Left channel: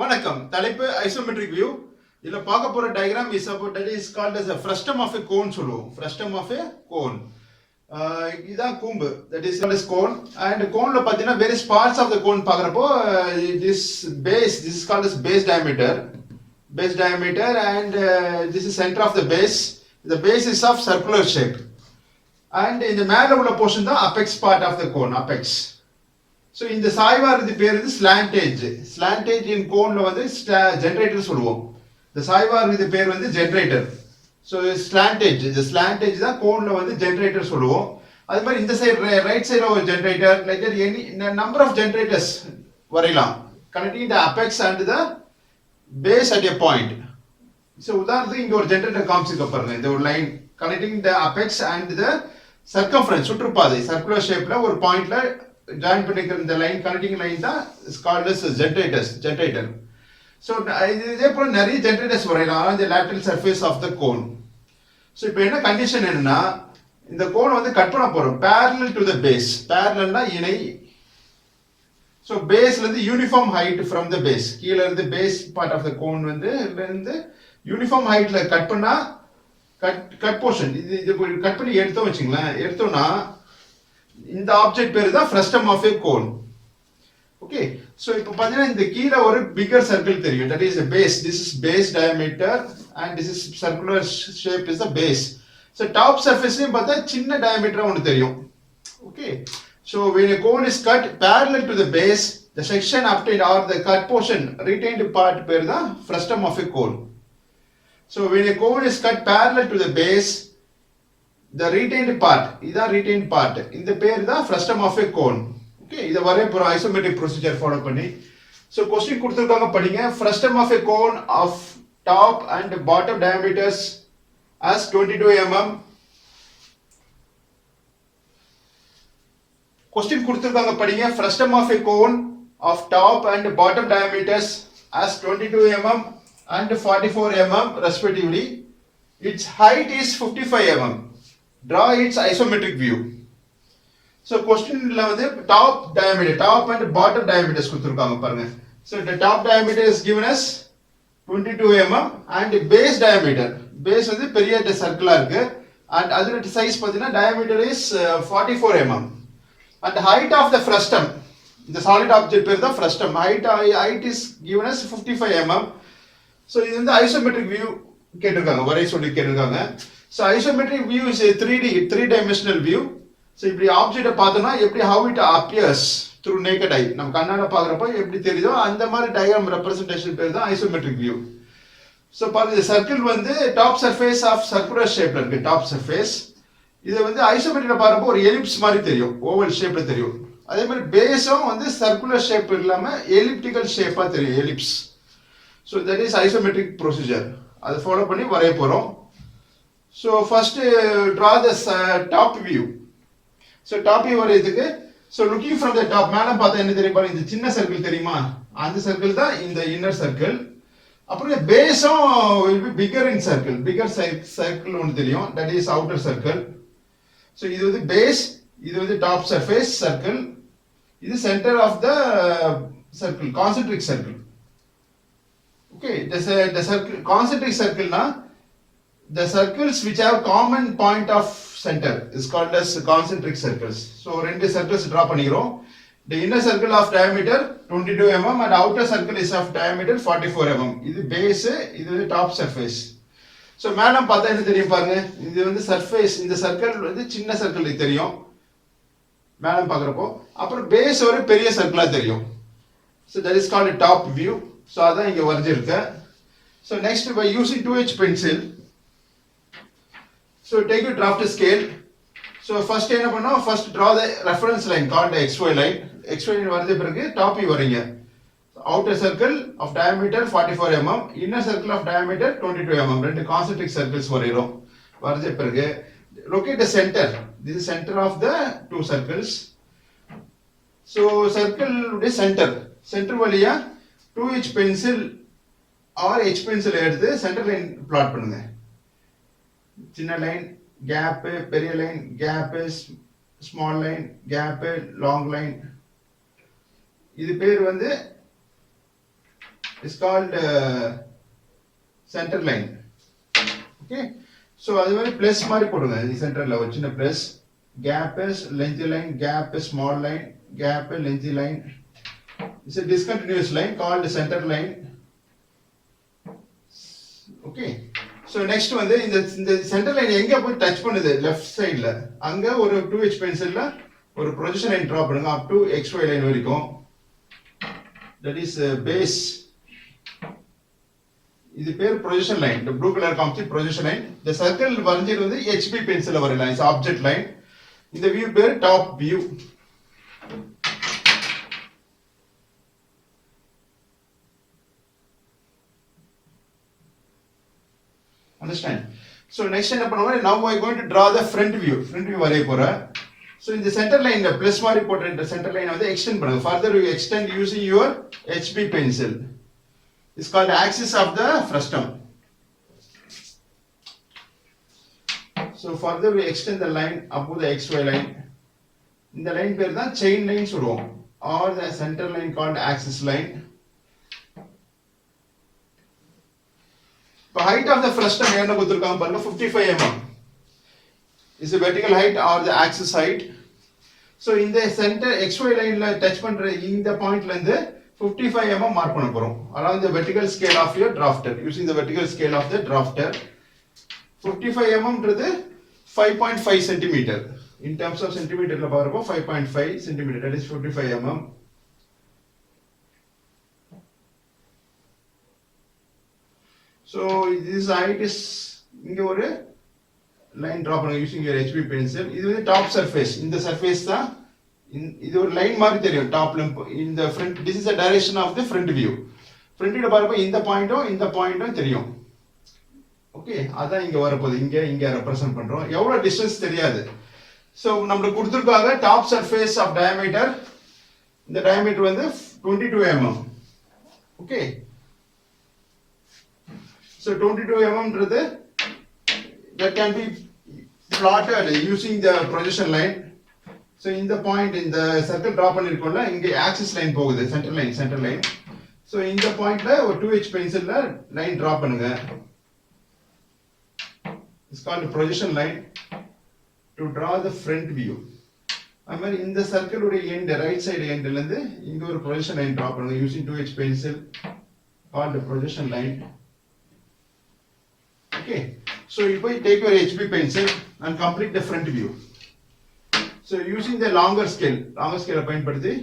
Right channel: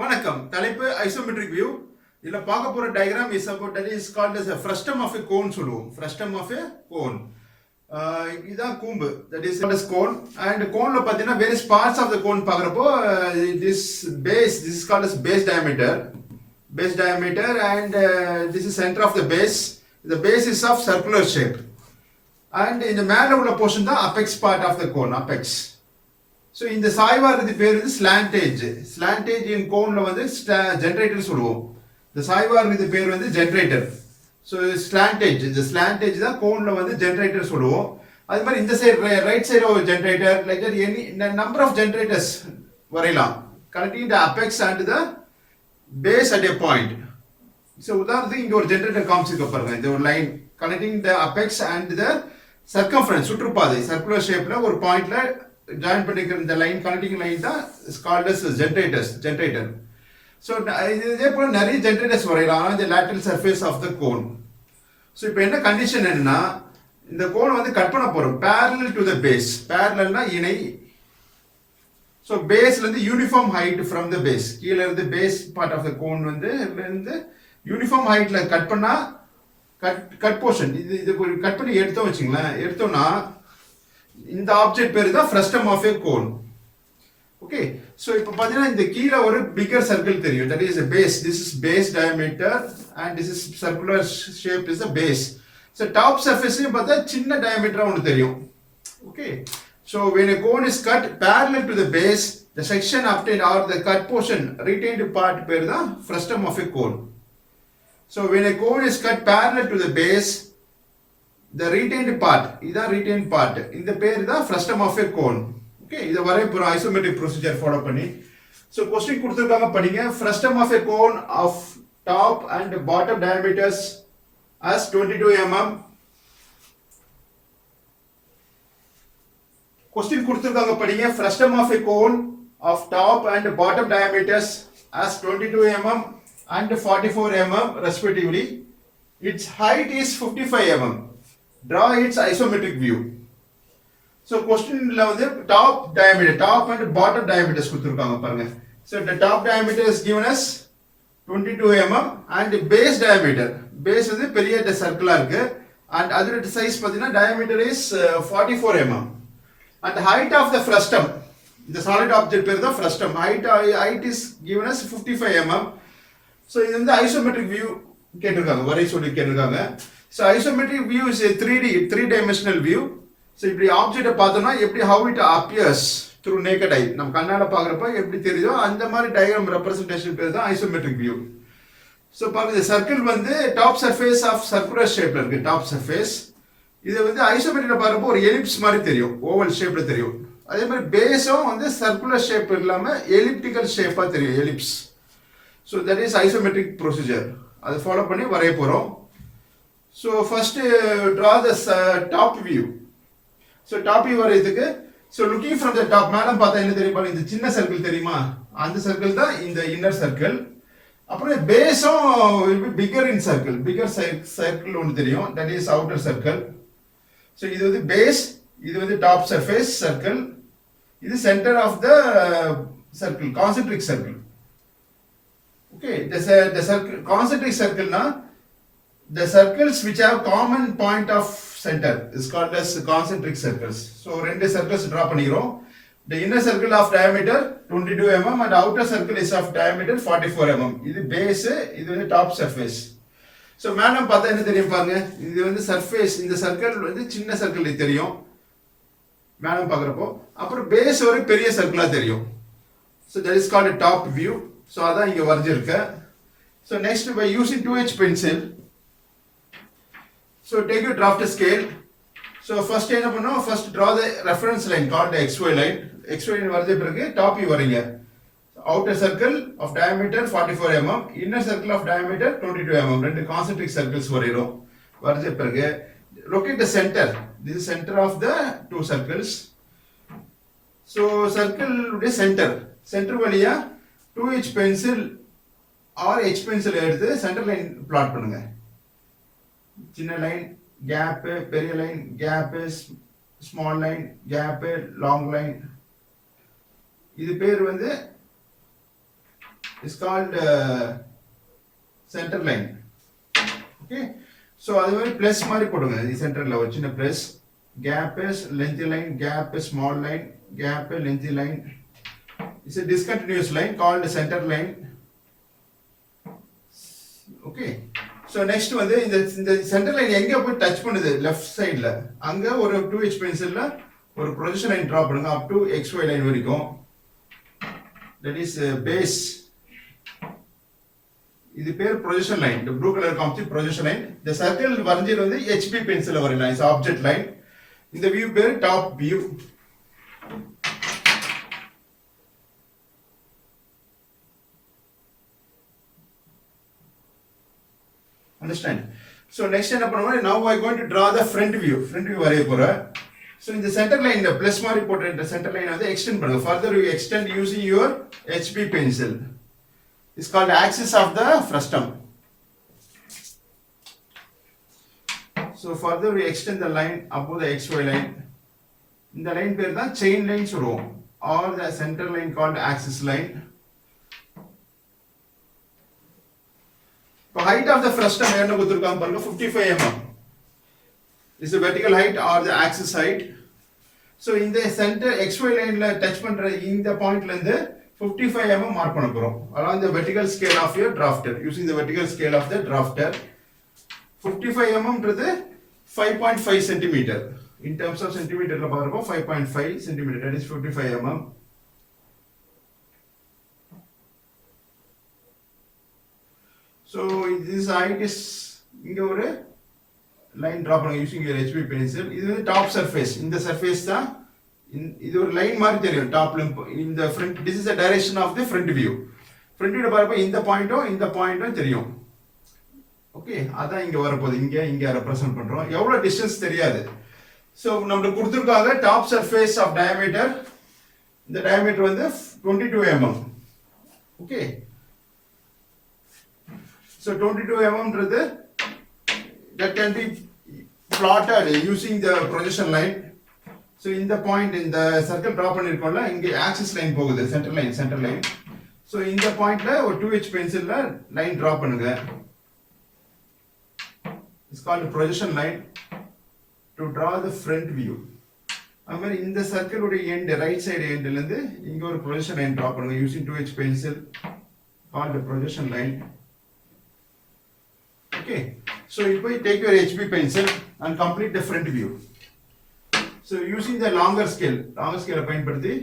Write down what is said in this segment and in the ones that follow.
வணக்கம். தலைப்பு isometric view. இதுல பார்க்க போற diagram is about that is called as a frustum of a cone சொல்லுவோம். frustum of a cone. இதான் கூம்பு. that is called as cone. and coneல பார்த்தீங்கன்னா various parts of the cone பார்க்கறப்போ this is called as base diameter. and this is center of the base. The base is of circular shape. and இந்த மேல உள்ள portion தான் apex part of the cone, apex. So இந்த சாய்வா இருந்து பேர் வந்து ஸ்லாண்டேஜ் இன் கோன்ல வந்து ஜென்ரேட்டர் சொல்லுவோம். இந்த சாய்வா இருக்கிறது பேர் வந்து ஜென்ரேட்டர். ஸோ ஸ்லாண்டேஜ் தான் கோன்ல வந்து ஜென்ரேட்டர் சொல்லுவோம். அது மாதிரி இந்த சைடு ரைட் சைடு ஒரு generator like any number of generators வரையலாம் connecting the apex and the base at a point. So உதாரணத்துக்கு இங்கே ஒரு ஜென்ரேட்டர் காமிச்சிருக்க பாருங்க. இந்த ஒரு line connecting the apex and the circumference சுற்றுப்பாதை சர்க்குலர் ஷேப்ல ஒரு பாயிண்ட்ல ஜாயின் பண்ணிக்கிற இந்த லைன் கனெக்டிங் லைன் தான் கால்ட் அஸ் ஜென்ரேட்டர். ஸோ இதே போல நிறைய ஜென்ரேட்டர்ஸ் வரையலாம் இந்த lateral surface of the cone. So இப்போ என்ன கண்டிஷன் என்னன்னா இந்த கோனை வந்து கட் பண்ண போறோம் parallel டு த பேஸ். பேரலல்னா இணை. ஸோ பேஸ்லேருந்து uniform height from the base கீழே இருந்து base part of the cone வந்து யூனிஃபார்ம் ஹைட்ல கட் பண்ணா கட் போர்ஷன் இது கட் பண்ணி எடுத்தோம்னா இந்த ஆப்ஜெக்ட் பேர் தான் frustum of a cone. Okay, so இப்போ பார்த்தீங்கன்னா இந்த கீழே ஒரு பிகர் சர்க்கிள் தெரியும். That is base. This is base diameter and this is circular shape is the base. So top சர்ஃபேஸ்லையும் பார்த்தா சின்ன டயமீட்டராக ஒன்று தெரியும். Okay, so when a cone is cut parallel to the base, the section obtained or the cut portion retained part பேர் தான் frustum of a cone. So when a cone is cut parallel to the base, the retained part இதான் retained part இந்த பேர் தான் frustum of a cone. Okay, இத வரைய போறோம் isometric procedure follow பண்ணி. ஸோ கொஸ்டின் கொடுத்துருக்காங்க படிங்க. frustum of a cone of top and bottom diameters as 22 mm. Question கொடுத்துருக்காங்க படிங்க. frustum of a cone of top and bottom diameters as 22 mm and 44 mm respectively. Its height is 55 mm. Draw its isometric view. So question la வந்து top and bottom diameters கொடுத்திருக்காங்க பாருங்க. So the top diameter is given as 22 mm and base diameter வந்து பெரிய சர்க்கிளா இருக்கு and அதோட சைஸ் பாத்தீங்கன்னா diameter is 44 mm and height of the frustum இந்த solid object பேர் தான் frustum height is given as 55 mm. So இது வந்து isometric view கேட்டிருக்காங்க வரைய சொல்லி கேட்டிருக்காங்க. So isometric view is a 3D view. So இப்படி ஆப்ஜெக்ட்டை பார்த்தோம்னா எப்படி how it appears through naked eye நம்ம கண்ணால பார்க்கறப்ப எப்படி தெரியுதோ அந்த மாதிரி டயகிராம் ரெப்ரசன்டேஷன் பேர் தான் isometric view. So பாருங்க சர்க்கிள் வந்து டாப் சர்ஃபேஸ் ஆஃப் சர்க்குலர் ஷேப்ல இருக்கு டாப் சர்ஃபேஸ். இது வந்து ஐசோமெட்ரிக்ல பார்க்கறப்போ ஒரு எலிப்ஸ் மாதிரி தெரியும், ஓவல் ஷேப்ல தெரியும். அதே மாதிரி பேஸும் வந்து சர்க்குலர் ஷேப் இல்லாம எலிப்டிக்கல் ஷேப்பா தெரியும், ellipse. So that is isometric procedure. அதை ஃபாலோ பண்ணி வரைய போறோம். So first draw this top view. So top view வரையதுக்கு so looking from the top மேல பார்த்தா என்ன தெரியும் பாருங்க. இந்த சின்ன சர்க்கிள் தெரியுமா, அந்த சர்க்கிள் தான் இந்த இன்னர் சர்க்கிள். அப்புறம் பேஸும் will be bigger in circle, bigger circle ஒன்று தெரியும், that is outer circle. So இது வந்து பேஸ், இது வந்து டாப் சர்ஃபேஸ் சர்க்கிள், இது centre of the circle, concentric circle. Okay, the circle concentric circle na the circles which have common point of center is called as concentric circles. So ரெண்டு circles draw பண்ணிரோம். The inner circle of diameter 22 mm and outer circle is of diameter 44 mm. இது base, இது வந்து top surface. So madam பார்த்தா என்ன தெரியும் பாருங்க. இது வந்து surface, இந்த circle வந்து சின்ன circle தெரியும் மேடம் பார்க்கறப்போ. அப்புறம் base ஒரு பெரிய சர்க்கிளா தெரியும். So that is called a top view. So அதான் இங்க வரைஞ்சிருக்கு. So next by using 2H pencil, so take your draft scale. So first என்ன பண்ணோம், first draw the reference line called the XY line. XY line வரைஞ்ச பிறகு top வரைங்க. Outer circle of diameter 44 mm, inner circle of diameter 22 mm. ரெண்டு concentric circles வரைகிறோம். வரைஞ்ச பிறகு locate the center. This is center of the two circles. So circle உடைய center வழியா 2H pencil or H pencil எடுத்து சென்டர் லைன் பிளாட் பண்ணுங்க. சின்ன line, gap, பெரிய line, gap, small line, gap, long line. இது பேர் வந்து is called center line. Okay, so அது மாதிரி plus மாதிரி போடுங்க சென்டர்ல ஒரு சின்ன plus, gap is lengthy line, gap is small line, gap is lengthy line. It's a discontinuous line called center line. Okay, so next வந்து இந்த சென்டர் லைன் எங்க போய் டச் பண்ணுது லெஃப்ட் சைடுல அங்க ஒரு 2H பென்சில்ல ஒரு ப்ரொஜெக்ஷன் லைன் டிரா பண்ணுங்க up to XY லைன் வரைக்கும். That is base. இது பேர் ப்ரொஜெக்ஷன் லைன். இந்த ப்ளூ கலர் காமிச்சு ப்ரொஜெக்ஷன் லைன். இந்த சர்க்கிள் வரைஞ்சது வந்து HB பென்சில்ல வரையலாம். Is object line. இந்த வியூ பேர் top view. Understand? So next என்ன பண்ணுவோம்? Now I going to draw the front view. Front view வரைய போறேன். So இந்த center line இந்த plus மாதிரி போட்ட இந்த center line வந்து extend பண்ணுங்க. Further you extend using your HB pencil. It's called axis of the frustum. So further we extend the line above the XY line. இந்த line பேர் தான் chain line சொல்லுவோம். Or the center line called axis line. The height of the frustum என்ன கொடுத்திருக்காங்க பாருங்க 55 mm. Is the vertical height or the axis height. So in the center XY line ல touch பண்ற இந்த பாயிண்ட்ல இருந்து 55 mm மார்க் பண்ண போறோம் along the vertical scale of your drafter using the vertical scale of the drafter. 55 mm ன்றது 5.5 cm. In terms of centimeter ல பாக்குறப்போ 5.5 cm, that is 55 mm. So this height is இங்க ஒரு லைன் டிரா பண்ணுங்க using your HB pencil. இது வந்து top surface. இந்த சர்ஃபேஸ் தான் இது ஒரு லைன் மாதிரி தெரியும் டாப்ல. இந்த front this is the direction of the front view. front view பாருங்க இந்த பாயிண்ட்டும் தெரியும். ஓகே, அதான் இங்க வரப்போகுது. இங்க ரெப்ரசன்ட் பண்றோம். எவ்வளவு டிஸ்டன்ஸ் தெரியாது. சோ நமக்கு கொடுத்திருக்காங்க டாப் சர்ஃபேஸ் ஆஃப் டயாமீட்டர். இந்த டயாமீட்டர் வந்து 22 mm. ஓகே, so 22 mm ன்றது that can be plotted using the projection line. So in the point in the circle draw பண்ணிருக்கோம்ல, இங்க axis line போகுது, center line. So இந்த பாயிண்ட்ல ஒரு 2H பென்சில்ல லைன் டிரா பண்ணுங்க. It's called a projection line to draw the front view. அது மாதிரி இந்த சர்க்கிள் உடைய எண்ட் ரைட் சைடு எண்ட்ல இருந்து இங்க ஒரு ப்ரொஜெக்ஷன் லைன் டிரா பண்ணுங்க using 2H pencil called the projection line. Okay, so you take your HB pencil and complete the front view. So using the longer scale பயன்படுத்தி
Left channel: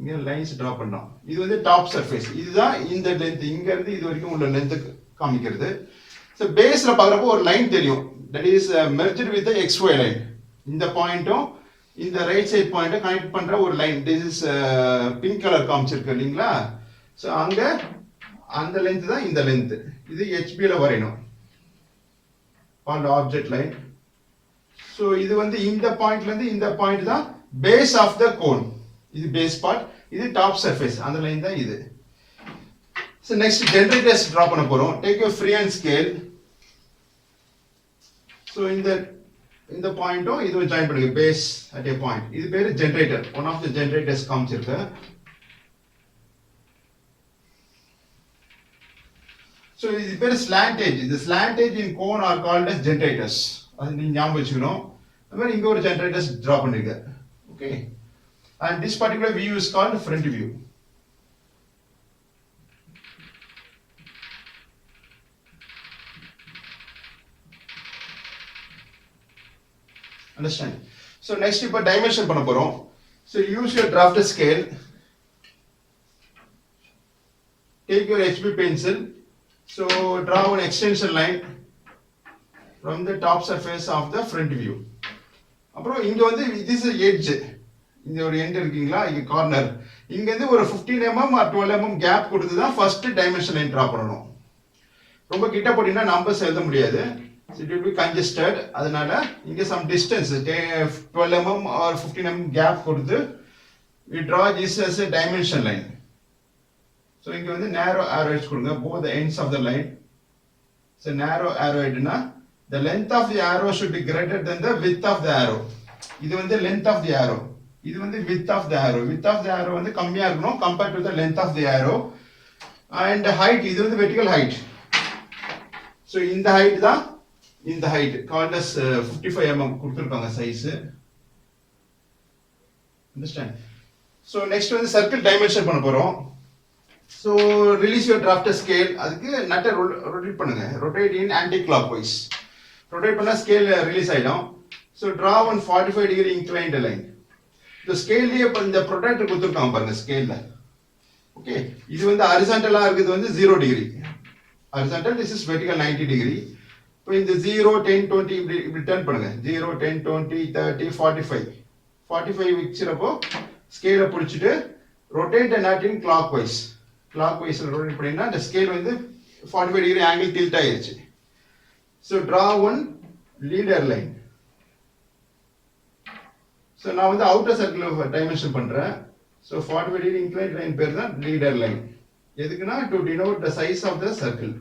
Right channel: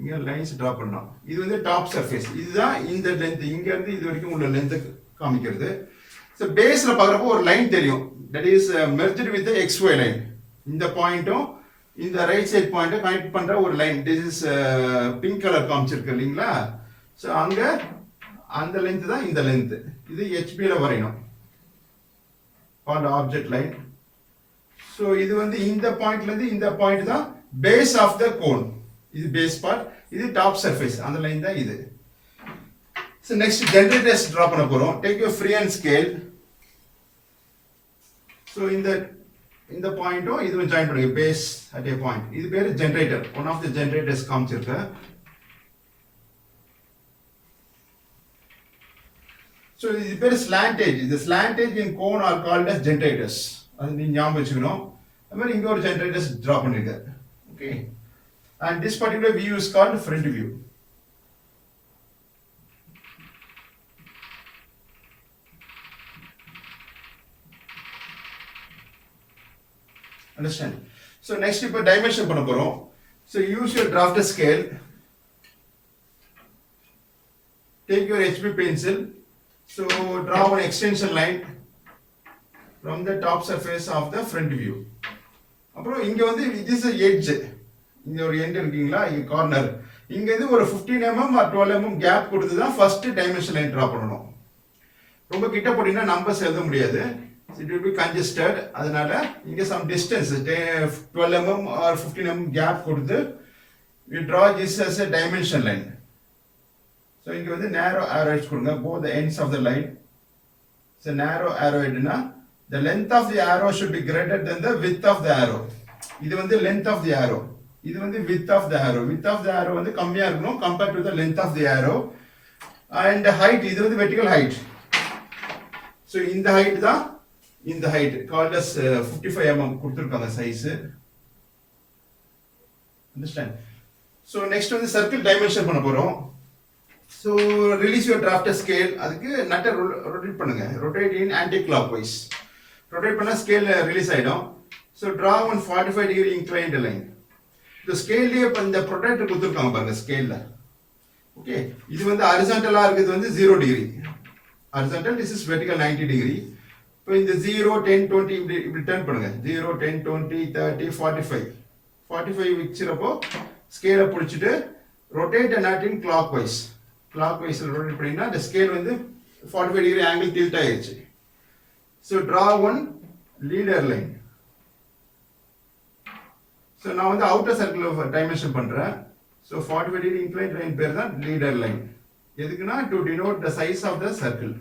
இங்க லைன்ஸ் டிரா பண்ணோம். இது வந்து டாப் சர்ஃபேஸ். இதுதான் இந்த லெந்த், இங்க இருந்து இது வரைக்கும் உள்ள லெந்த் காமிக்கிறது. So பேஸ்ல பாக்குறப்போ ஒரு லைன் தெரியும். That is merged with the XY line. இந்த பாயிண்ட்டும் இந்த ரைட் சைடு பாயிண்ட்டை கனெக்ட் பண்ற ஒரு line. This is pink colour காமிச்சிருக்கு இல்லீங்களா? So அங்க அந்த லெந்த் தான் இந்த லெந்த். இது HB ல வரையணும். called object line. So இது வந்து இந்த பாயிண்ட்ல இருந்து இந்த பாயிண்ட் தான் base of the cone. இது base part, இது top surface. அந்த லைன் தான் இது. So next generators draw பண்ண போறோம். Take your freehand scale. So இந்த பாயிண்ட்டும் இதுவும் ஜாயின் பண்ணுங்க base at a point. இது பேரு generator. One of the generators காமிச்சிருக்கு. So இது பேரு slantage. The slantage in cone are called as generators. அது நீங்க ஞாபகம் வச்சுக்கணும். அது மாதிரி இங்க ஒரு generators draw பண்ணிருக்க. Okay. And this particular view is called front view. Understand? So next இப்போ dimension பண்ண போறோம். So use your drafter scale. Take your HB pencil. So draw an extension line from the top surface of the front view. அப்புறம் இங்க வந்து this is edge. இங்க ஒரு எண்ட் இருக்கீங்களா, இங்க கார்னர். இங்க இருந்து ஒரு 15 mm or 12 mm கேப் கொடுத்து தான் ஃபர்ஸ்ட் டைமென்ஷன் லைன் டிரா பண்ணனும். ரொம்ப கிட்ட போடினா நம்பர்ஸ் எழுத முடியாது. It will be congested. அதனால இங்க some distance 12 mm or 15 mm gap கொடுத்து we draw this as a dimension line. So இங்க வந்து narrow arrows கொடுங்க both the ends of the line. So narrow arrow எடுனா the length of the arrow should be greater than the width of the arrow. இது வந்து length of the arrow. இது வந்து width of the arrow. Width of the arrow வந்து கம்மியா இருக்கணும் compared to the length of the arrow. and height இது வந்து vertical height. So இந்த height தான் இந்த height called as 55 mm கொடுத்திருக்காங்க size. Understand? So next வந்து circle dimension பண்ண போறோம். So release your drafter scale. அதுக்கு நட்டை rotate பண்ணுங்க. Rotate in anti-clockwise. Rotate பண்ணா scale release ஆயிடும். So draw one 45 degree inclined line. இந்த ஸ்கேல்லையே இப்போ இந்த ப்ரொடெக்டர் கொடுத்துருக்காங்க பாருங்க ஸ்கேல்ல. ஓகே, இது வந்து ஹரிசாண்டலா இருக்குது வந்து 0 degree. Horizontal, this is vertical 90 டிகிரி. இப்போ இந்த 0 10 20 இப்படி டர்ன் பண்ணுங்க. 0 10 20 30 45 45 வச்சிரப்போ ஸ்கேலை பிடிச்சிட்டு rotate and not in clockwise. கிளாக் வைஸில் ரொட்டேட் பண்ணிங்கன்னா அந்த ஸ்கேல் வந்து 45 டிகிரி ஆங்கிள் டில்ட் ஆயிடுச்சு. So draw one leader line. So நான் வந்து அவுட்டர் சர்க்கிள் டைமென்ஷன் பண்ணுறேன். ஸோ 45 டிகிரி இன்க்ளைன் லைன் பேர் தான் லீடர் லைன். எதுக்குன்னா to denote the size of the circle.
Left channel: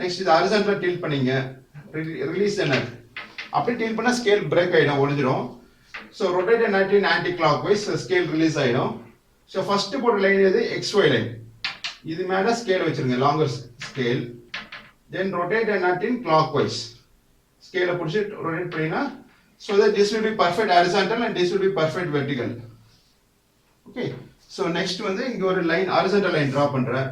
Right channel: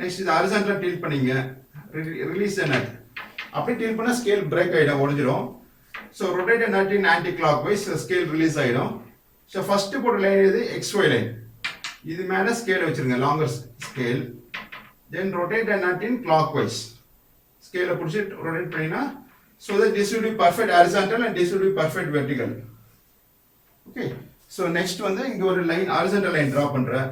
Next இது ஹரிசாண்டல் டில்ட் பண்ணீங்க, ரிலீஸ் த நட். அப்படி டில்ட் பண்ணால் ஸ்கேல் பிரேக் ஆகிடும், ஒழிஞ்சிடும். ஸோ ரொட்டேட் நட் இன் anticlockwise, scale release ஆகிடும். ஸோ ஃபர்ஸ்ட் போட்ட லைன் எது XY லைன். இது மேலே ஸ்கேல் வச்சிருங்க, longer scale. Then rotate nut in clockwise. ஸ்கேலை பிடிச்சி ரொட்டேட் பண்ணினா so that this will be perfect horizontal and this will be perfect vertical. Okay, so next வந்து இங்க ஒரு லைன் horizontal line draw பண்றேன்.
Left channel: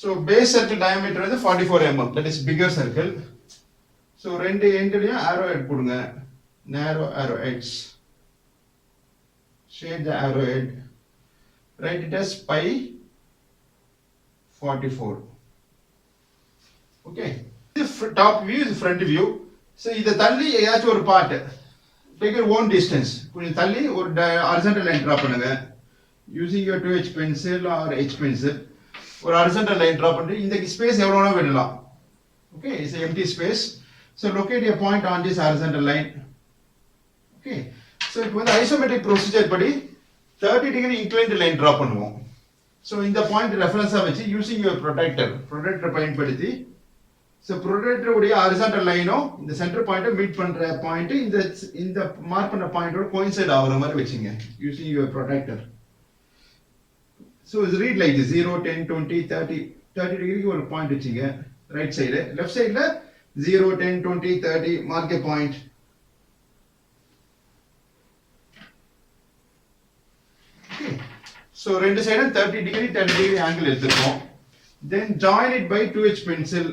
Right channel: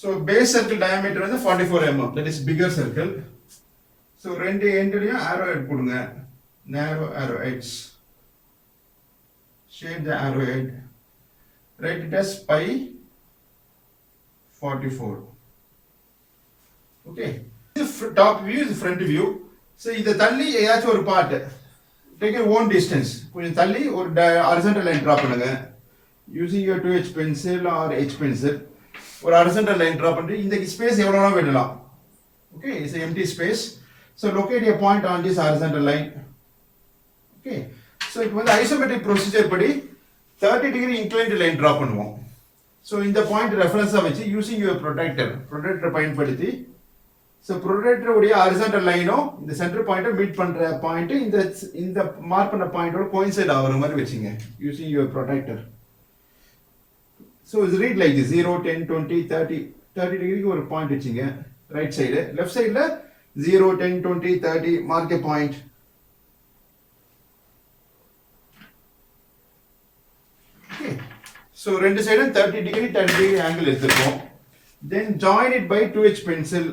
So base circle diameter வந்து 44 mm, that is bigger circle. So ரெண்டு எண்ட்லயும் arrow head கொடுங்க, narrow arrow heads. Shade the arrow head, write it as pi 44. Okay, this top view is front view. So இத தள்ளி ஏதாச்சும் ஒரு part take your own distance. கொஞ்சம் தள்ளி ஒரு horizontal line draw பண்ணுங்க using your 2H pencil or H pencil. ஒரு horizontal line draw பண்ணி இந்த ஸ்பேஸ் எவ்வளவுனா விடலாம். Okay, it's an empty space. So locate a point on this horizontal line. Okay, so இப்போ வந்து isometric procedure படி 30 degree inclined line draw பண்ணுவோம். So இந்த பாயிண்ட் ரெஃபரன்ஸா வச்சு யூசிங் யுவர் ப்ரொடெக்டர் பயன்படுத்தி, ஸோ ப்ரொடெக்டர் உடைய ஹரிசாண்டல் லைனும் இந்த சென்டர் பாயிண்ட்டை மீட் பண்ற பாயிண்ட் இந்த மார்க் பண்ண பாயிண்டோட கோயின்சைட் ஆகிற மாதிரி வச்சுங்க யூசிங் யுவர் ப்ரொடெக்டர். ஸோ இது ரீட் லைக் 0 10 20 30 டிகிரிக்கு ஒரு பாயிண்ட் வச்சுங்க ரைட் சைடு. லெஃப்ட் சைடில் 0 10 20 30 மார்க் எ பாயிண்ட். ஓகே, so ரெண்டு சைடும் 30 degree angle எடுத்துருக்கோம். Then join it by 2H pencil.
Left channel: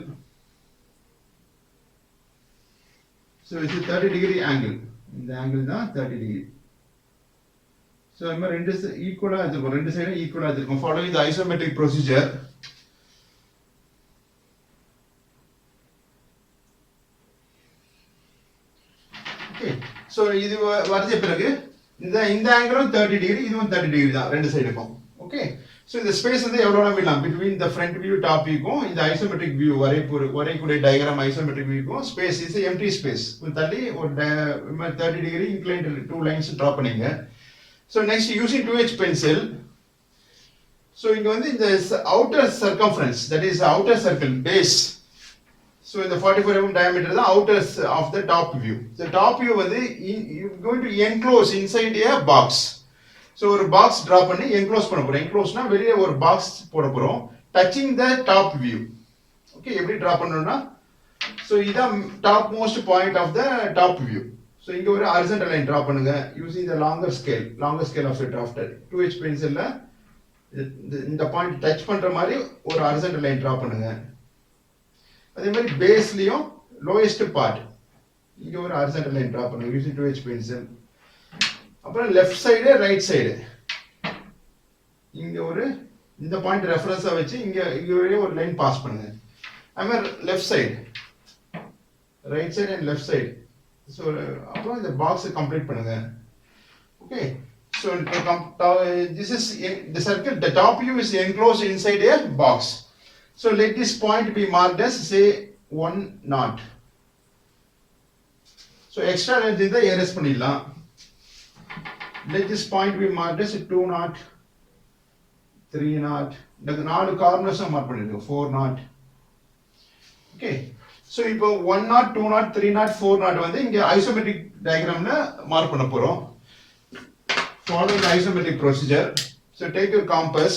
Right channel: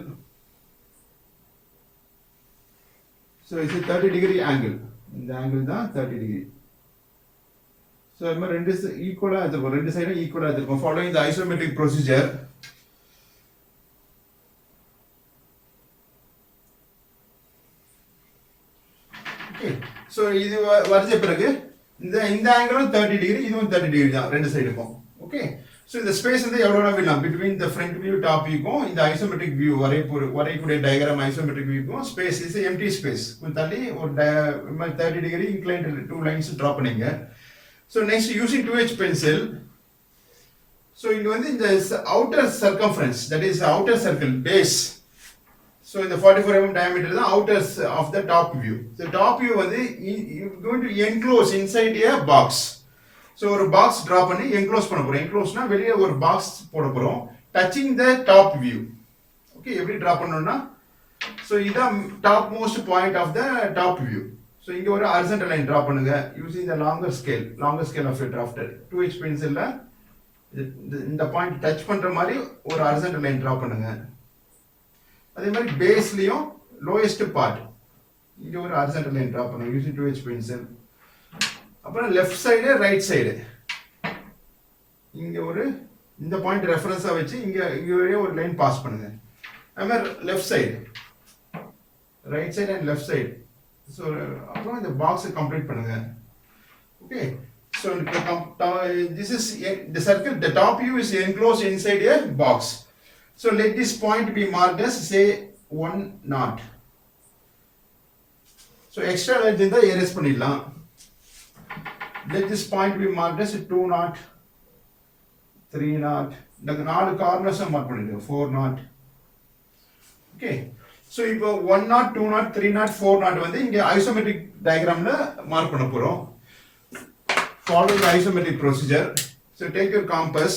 So it's a 30 degree angle. இந்த angle தான் 30 degree. So நம்ம ரெண்டு ஈக்குவலா எடுத்துருக்கோம், ரெண்டு சைடும் ஈக்குவலா எடுத்துருக்கோம். Following the isometric procedure. Okay, so இது வரைஞ்ச பிறகு இந்த ஆங்கிளும் 30 டிகிரி, இதுவும் 30 டிகிரி தான் ரெண்டு சைடுக்கும். ஓகே, ஸோ இந்த ஸ்பேஸ் வந்து எவ்வளோ வேணும் between the front view top வியூக்கும் இந்த ஐசோமெட்ரிக் வியூ வரையக்கூடிய டயக்ராம் ஐசோமெட்ரிக் வியூக்கும் ஸ்பேஸ் இஸ் எம்டி ஸ்பேஸ். கொஞ்சம் தள்ளி ஒரு 30 டிகிரி இன்க்ளைன்ட் 2 லைன்ஸ் ட்ரா பண்ணீங்க. So next using 2H pencil. So இங்கே வந்து இந்த outer circumference, that is outer circle base. So in the 44 mm diameter the outers of the top view. The top view வந்து you going to enclose inside a box. So ஒரு box draw பண்ணி enclose பண்ண போறோம். encloseனா வெளியே ஒரு box போட போறோம் touching the top view. Okay, எப்படி draw பண்ணனும்னா, so இதான் top most point of the top view. So இங்க ஒரு horizontal line draw பண்ணுங்க using the longer scale of your drafter. 2H pencilல இந்த பாயிண்ட் டச் பண்ற மாதிரி ஒரு horizontal line draw பண்ணுங்க. அதே மாதிரி பேஸ்லயும் லோயஸ்ட் பார்ட் இங்க ஒரு ஹரிசாண்டல் லைன் டிரா பண்ணுங்க யூசிங் 2H பென்சில். அப்புறம் லெஃப்ட் சைடு ரைட் சைடு இங்க ஒரு இந்த பாயிண்ட் ரெஃபரன்ஸா வச்சு இங்க ஒரு லைன் பாஸ் பண்ணுங்க. அதே மாதிரி left side right side and left side. So அப்புறம் இந்த பாக்ஸை கம்ப்ளீட் பண்ணுங்க. Okay, so this is the circle, the top view is enclosed inside a box. So let this point be marked as say 1 knot. So extra length in the erase பண்ணிடலாம். Let this point be marked as 2 knot, 3 knot. இந்த 4 corners mark பண்ணிடுங்க 4 knot. Okay, so இப்போ 1 0 2 0 3 0 4 0 வந்து இங்கே ஐசோமெட்ரிக் டயக்ராம்ல மார்க் பண்ண போகிறோம். Following the isometric procedure. So take your compass.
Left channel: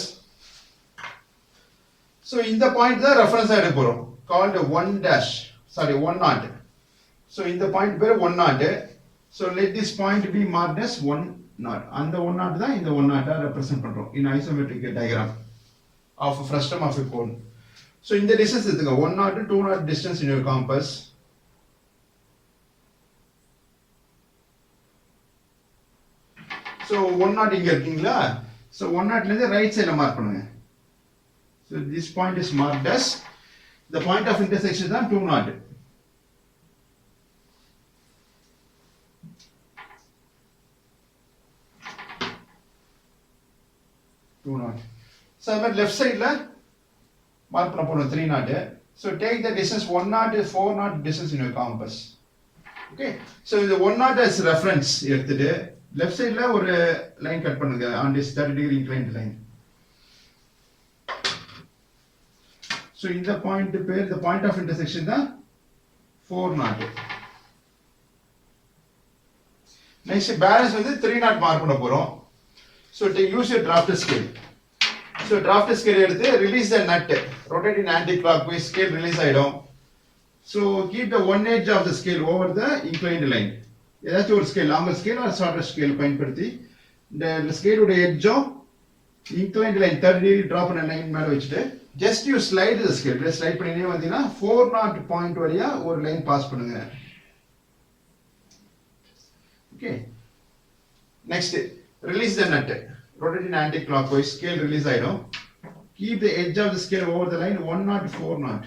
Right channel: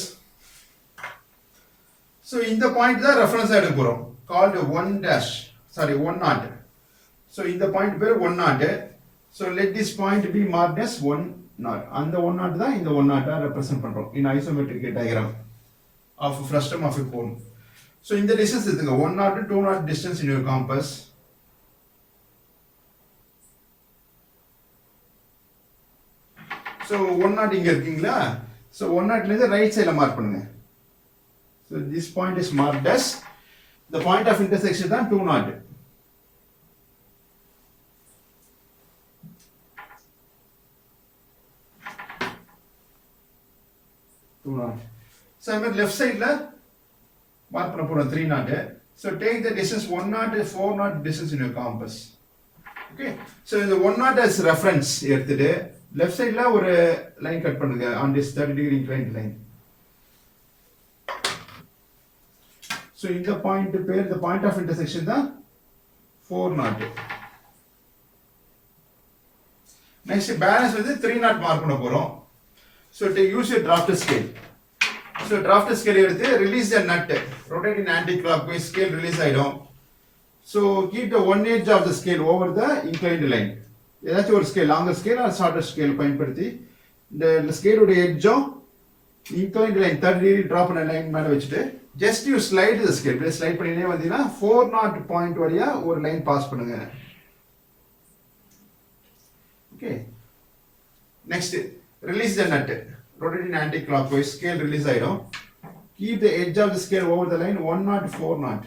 So in the point the reference எடுக்க போறோம் called 1 dash, sorry 1 0. So in the point பேரு 1 0. So let this point be marked as 1 0. அந்த 1 0 தான் இந்த 1 0 represent பண்றோம் in isometric diagram of frustum of a cone. So இந்த distance எடுத்துங்க 1 0 to 2 0 distance in your compass. So 1 0 இங்க இருக்கீங்களா? So 1 0 ல இருந்து ரைட் சைடுல மார்க் பண்ணுங்க. So this point is marked as the point of intersection தான் 2 0. So I'm at left side la mark பண்ண போறோம் 3 0. So take the distance 1 0 4 0 distance in your compass. Okay. So இந்த 1 0 as reference எடுத்துட்டு left side la ஒரு line cut பண்ணுங்க on this 30 degree inclined line. So இந்த point பேர் the point of intersection தான் 4 0. Next balance வந்து 3 0 mark பண்ண போறோம். So use your drafter scale. So drafter scale எடுத்து release the nut, rotate in anti-clockwise, scale release ஆயிடும். So keep the one edge of the scale over the inclined line. ஏதாச்சும் ஒரு scale longer scale R shorter scale பயன்படுத்தி இந்த ஸ்கேலோட எட்ஜும் inclined line 30 degree drop பண்ண லைன் மேலே வச்சுட்டு ஜஸ்ட் யூ ஸ்லைடு த ஸ்கேல் இப்படியே ஸ்லைட் பண்ணினே வந்தீங்கன்னா 4 0 பாயிண்ட் வழியா ஒரு லைன் பாஸ் பண்ணுங்க. Okay, next release the nut, rotate in anti-clockwise, scale release ஆயிடும். Keep the edge of the scale over the line 1 0 4 0.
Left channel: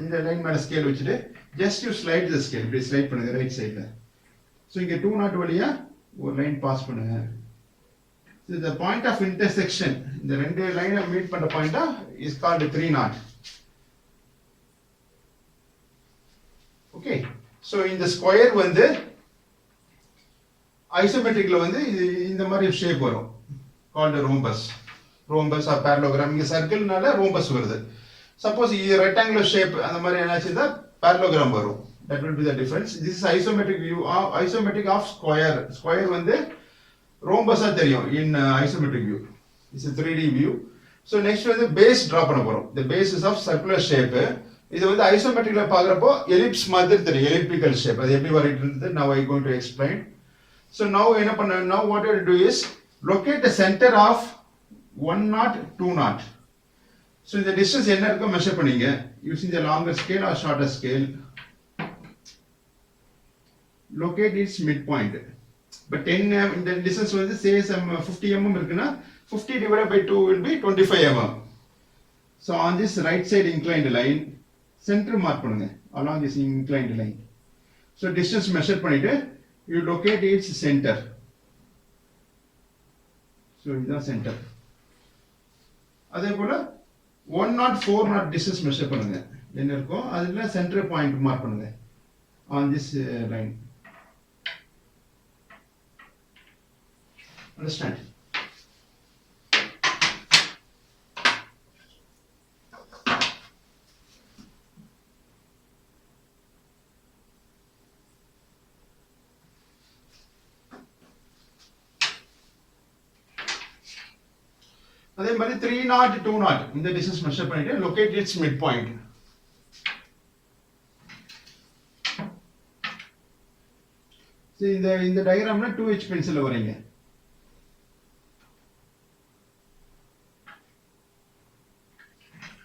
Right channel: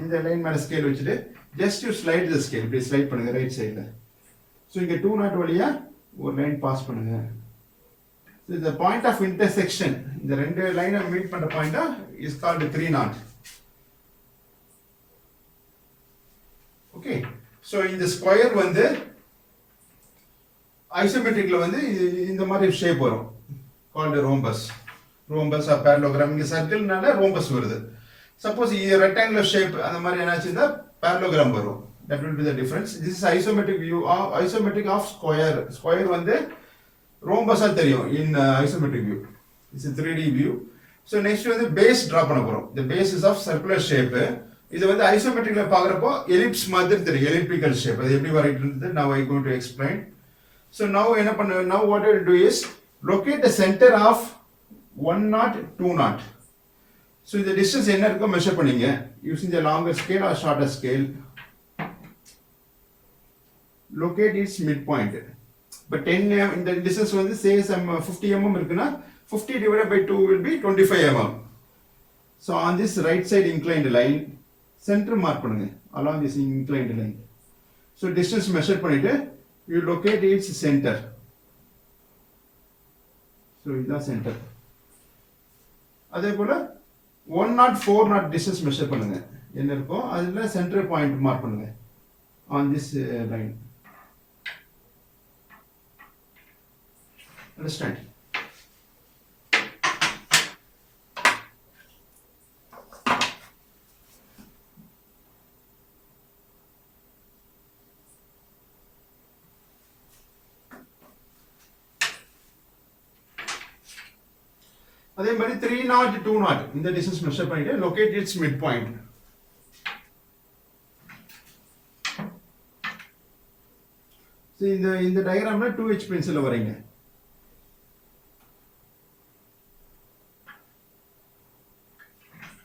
இந்த லைன் மேல ஸ்கேல் வச்சுட்டு just you slide the scale இப்படி ஸ்லைட் பண்ணுங்க ரைட் சைடுல. சோ இங்க 2 0 வழியா ஒரு லைன் பாஸ் பண்ணுங்க. So the point of intersection, இந்த ரெண்டு லைனை மீட் பண்ற பாயிண்டா is called 3 0. ஓகே, சோ இந்த ஸ்கொயர் வந்து ஐசோமெட்ரிக்ல வந்து இந்த மாதிரி ஷேப் வரும் called rhombus. Rhombus or parallelogram. இங்க சர்க்கிள்னால rhombus வருது. Suppose இது rectangular shape அந்த மாதிரி என்னாச்சுன்னா parallelogram வரும். That will be the difference. This is isometric view of square. Square வந்து rhombus ஆ தெரியும் in isometric view. This is 3D view. So next வந்து base draw பண்ண போறோம். The base is of circular shape. இது வந்து isometricல பார்க்கறப்போ ellipse மாதிரி தெரியும், elliptical shape. அது எப்படி வருதுன்னு now I going to explain. So now என்ன பண்ண, now what you do is locate the center of 1 0 2 0. So the distance என்ன இருக்கோ மெஷர் பண்ணீங்க using the longer scale or shorter scale. Locate its midpoint. But 10 mm இந்த distance வந்து say some 50 mm இருக்குன்னா 50 divided by 2 will be 25 mm. So on this right side inclined line center mark பண்ணுங்க along this inclined line. So distance measure பண்ணிட்டு you locate its center. So இதுதான் center. அதே போல 1 0 4 0 distance measure பண்ணுங்க என்ன இருக்கோ அதுல சென்டர் பாயிண்ட் மார்க் பண்ணுங்க on this line. Understand? அதே மாதிரி 3 0 2 0 இந்த டிஸ்டன்ஸ் மெஷர் பண்ணிட்டு locate it's mid point. So இந்த டயகிராம்ல 2H பென்சில்ல வரீங்க.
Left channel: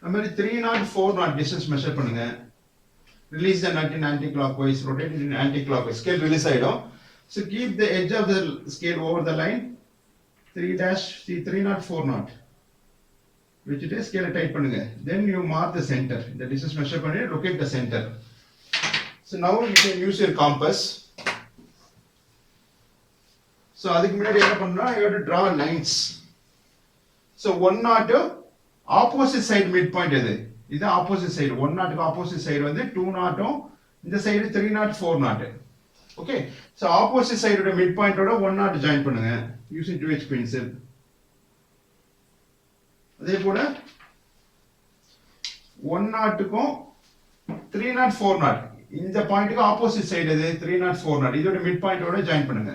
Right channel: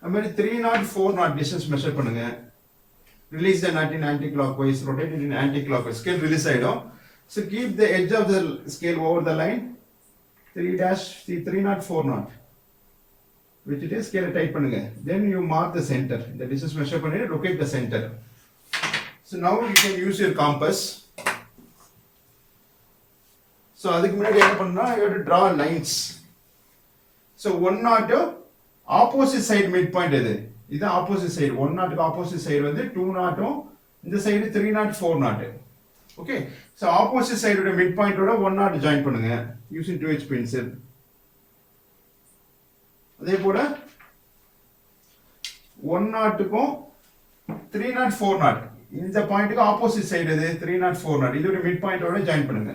அதே மாதிரி 3 0 4 0 டிஸ்டன்ஸ் மெஷர் பண்ணுங்க. Release the nut in anti clockwise, rotate it in anti clockwise, scale release ஆயிடும். So keep the edge of the scale over the line 3 0 4 0. வச்சுட்டு ஸ்கேலை டைட் பண்ணுங்க. Then you mark the center. The distance measure பண்ணிட்டு locate the center. So now you can use your compass. So அதுக்கு முன்னாடி என்ன பண்ணா you have to draw lines. So 1 0 opposite side midpoint இது. இது opposite side. 1 0 opposite side வந்து 2 0 இந்த சைடு 3 0 4 0. Okay. So opposite side ஓட midpoint ஓட 1 0 join பண்ணுங்க using 2H pencil. அதே போல 1 நாட்டுக்கும் 3 நாட் 4 நாட் இந்த பாயிண்ட்டுக்கு ஆப்போசிட் சைடு இது 3 நாட் 4 நாட் இதோட மிட் பாயிண்டோட ஜாயின் பண்ணுங்க.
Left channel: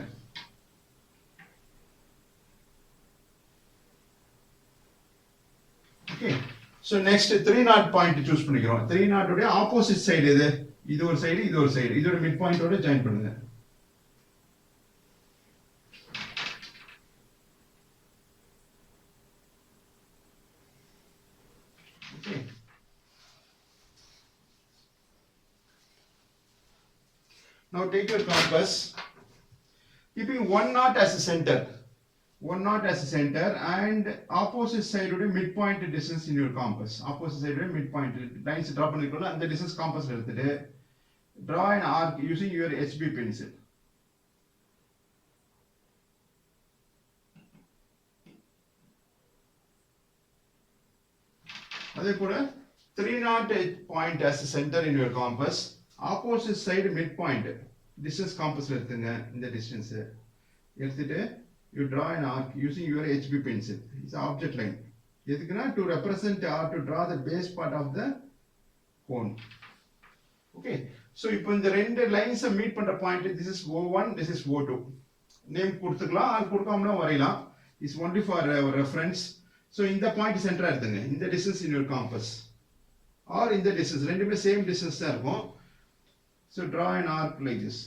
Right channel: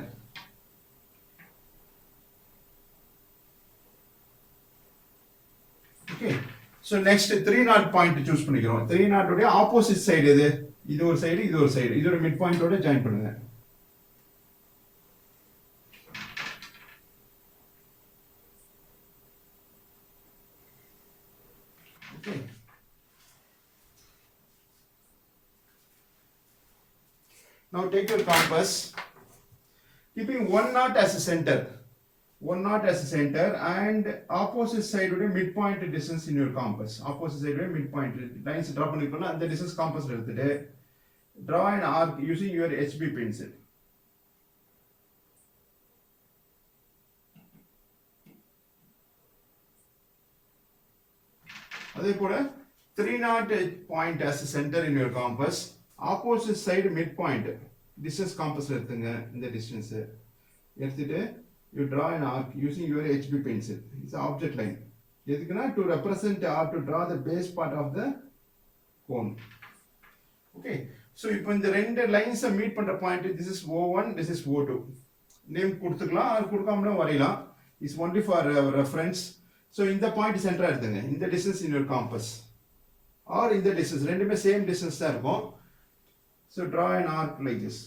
Okay so next 3 not point choose பண்ணிக்கிறோம். 3 நாட்டோட ஆப்போசிட் சைடு இது இது ஒரு சைடு இது ஒரு சைடு இதோட மிட் பாயிண்டோட ஜாயின் பண்ணுங்க. Okay. Now take your compass, keeping 1 knot as a center. 1 knot as a center and opposite side would be midpoint distance in your compass. Opposite side would be midpoint lines draw பண்ணிக்கோங்க. அந்த distance compass எடுத்துட்டு draw an arc using your HB pencil. அதே போல 3 knot point as a center in your compass. Opposite side midpoint distance compass எடுத்துங்க. இந்த distance எடுத்துட்டு you draw an arc using your HB pencil. It's an object line. எதுக்குன்னா to represent or to draw the base part of the cone. Okay. So இப்போ இந்த ரெண்டு lines meet பண்ற point this is O1 this is O2. Name கொடுத்துக்கலாம் அது கொடுக்காமலும் வரையலாம். It's only for our reference. So இந்த பாயிண்ட் சென்டரா எடுத்துங்க. இந்த distance in your compass or இந்த distance ரெண்டுமே சேம் distance தான் இருக்கும். So draw an arc like this.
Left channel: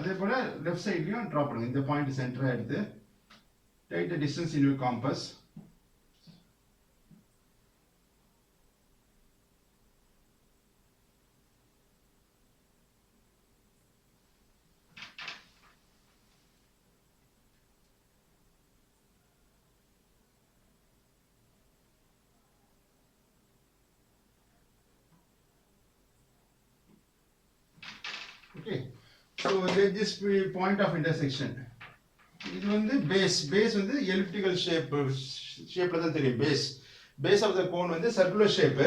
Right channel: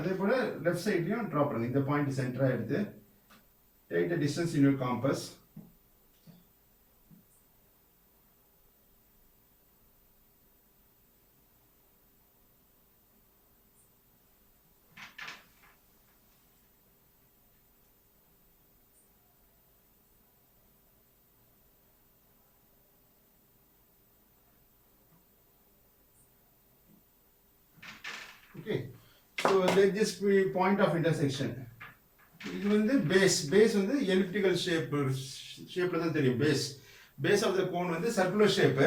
அதே போல லெஃப்ட் சைட்லயும் டிரா பண்ணுங்க. இந்த பாயிண்ட் சென்டரா எடுத்து take the distance in your compass. Okay. So let this be point of intersection. இது வந்து பேஸ் வந்து எலிப்டிக்கல் ஷேப்ல தான் தெரியும். பேஸ் ஆஃப் த கோன் வந்து சர்க்குலர் ஷேப்.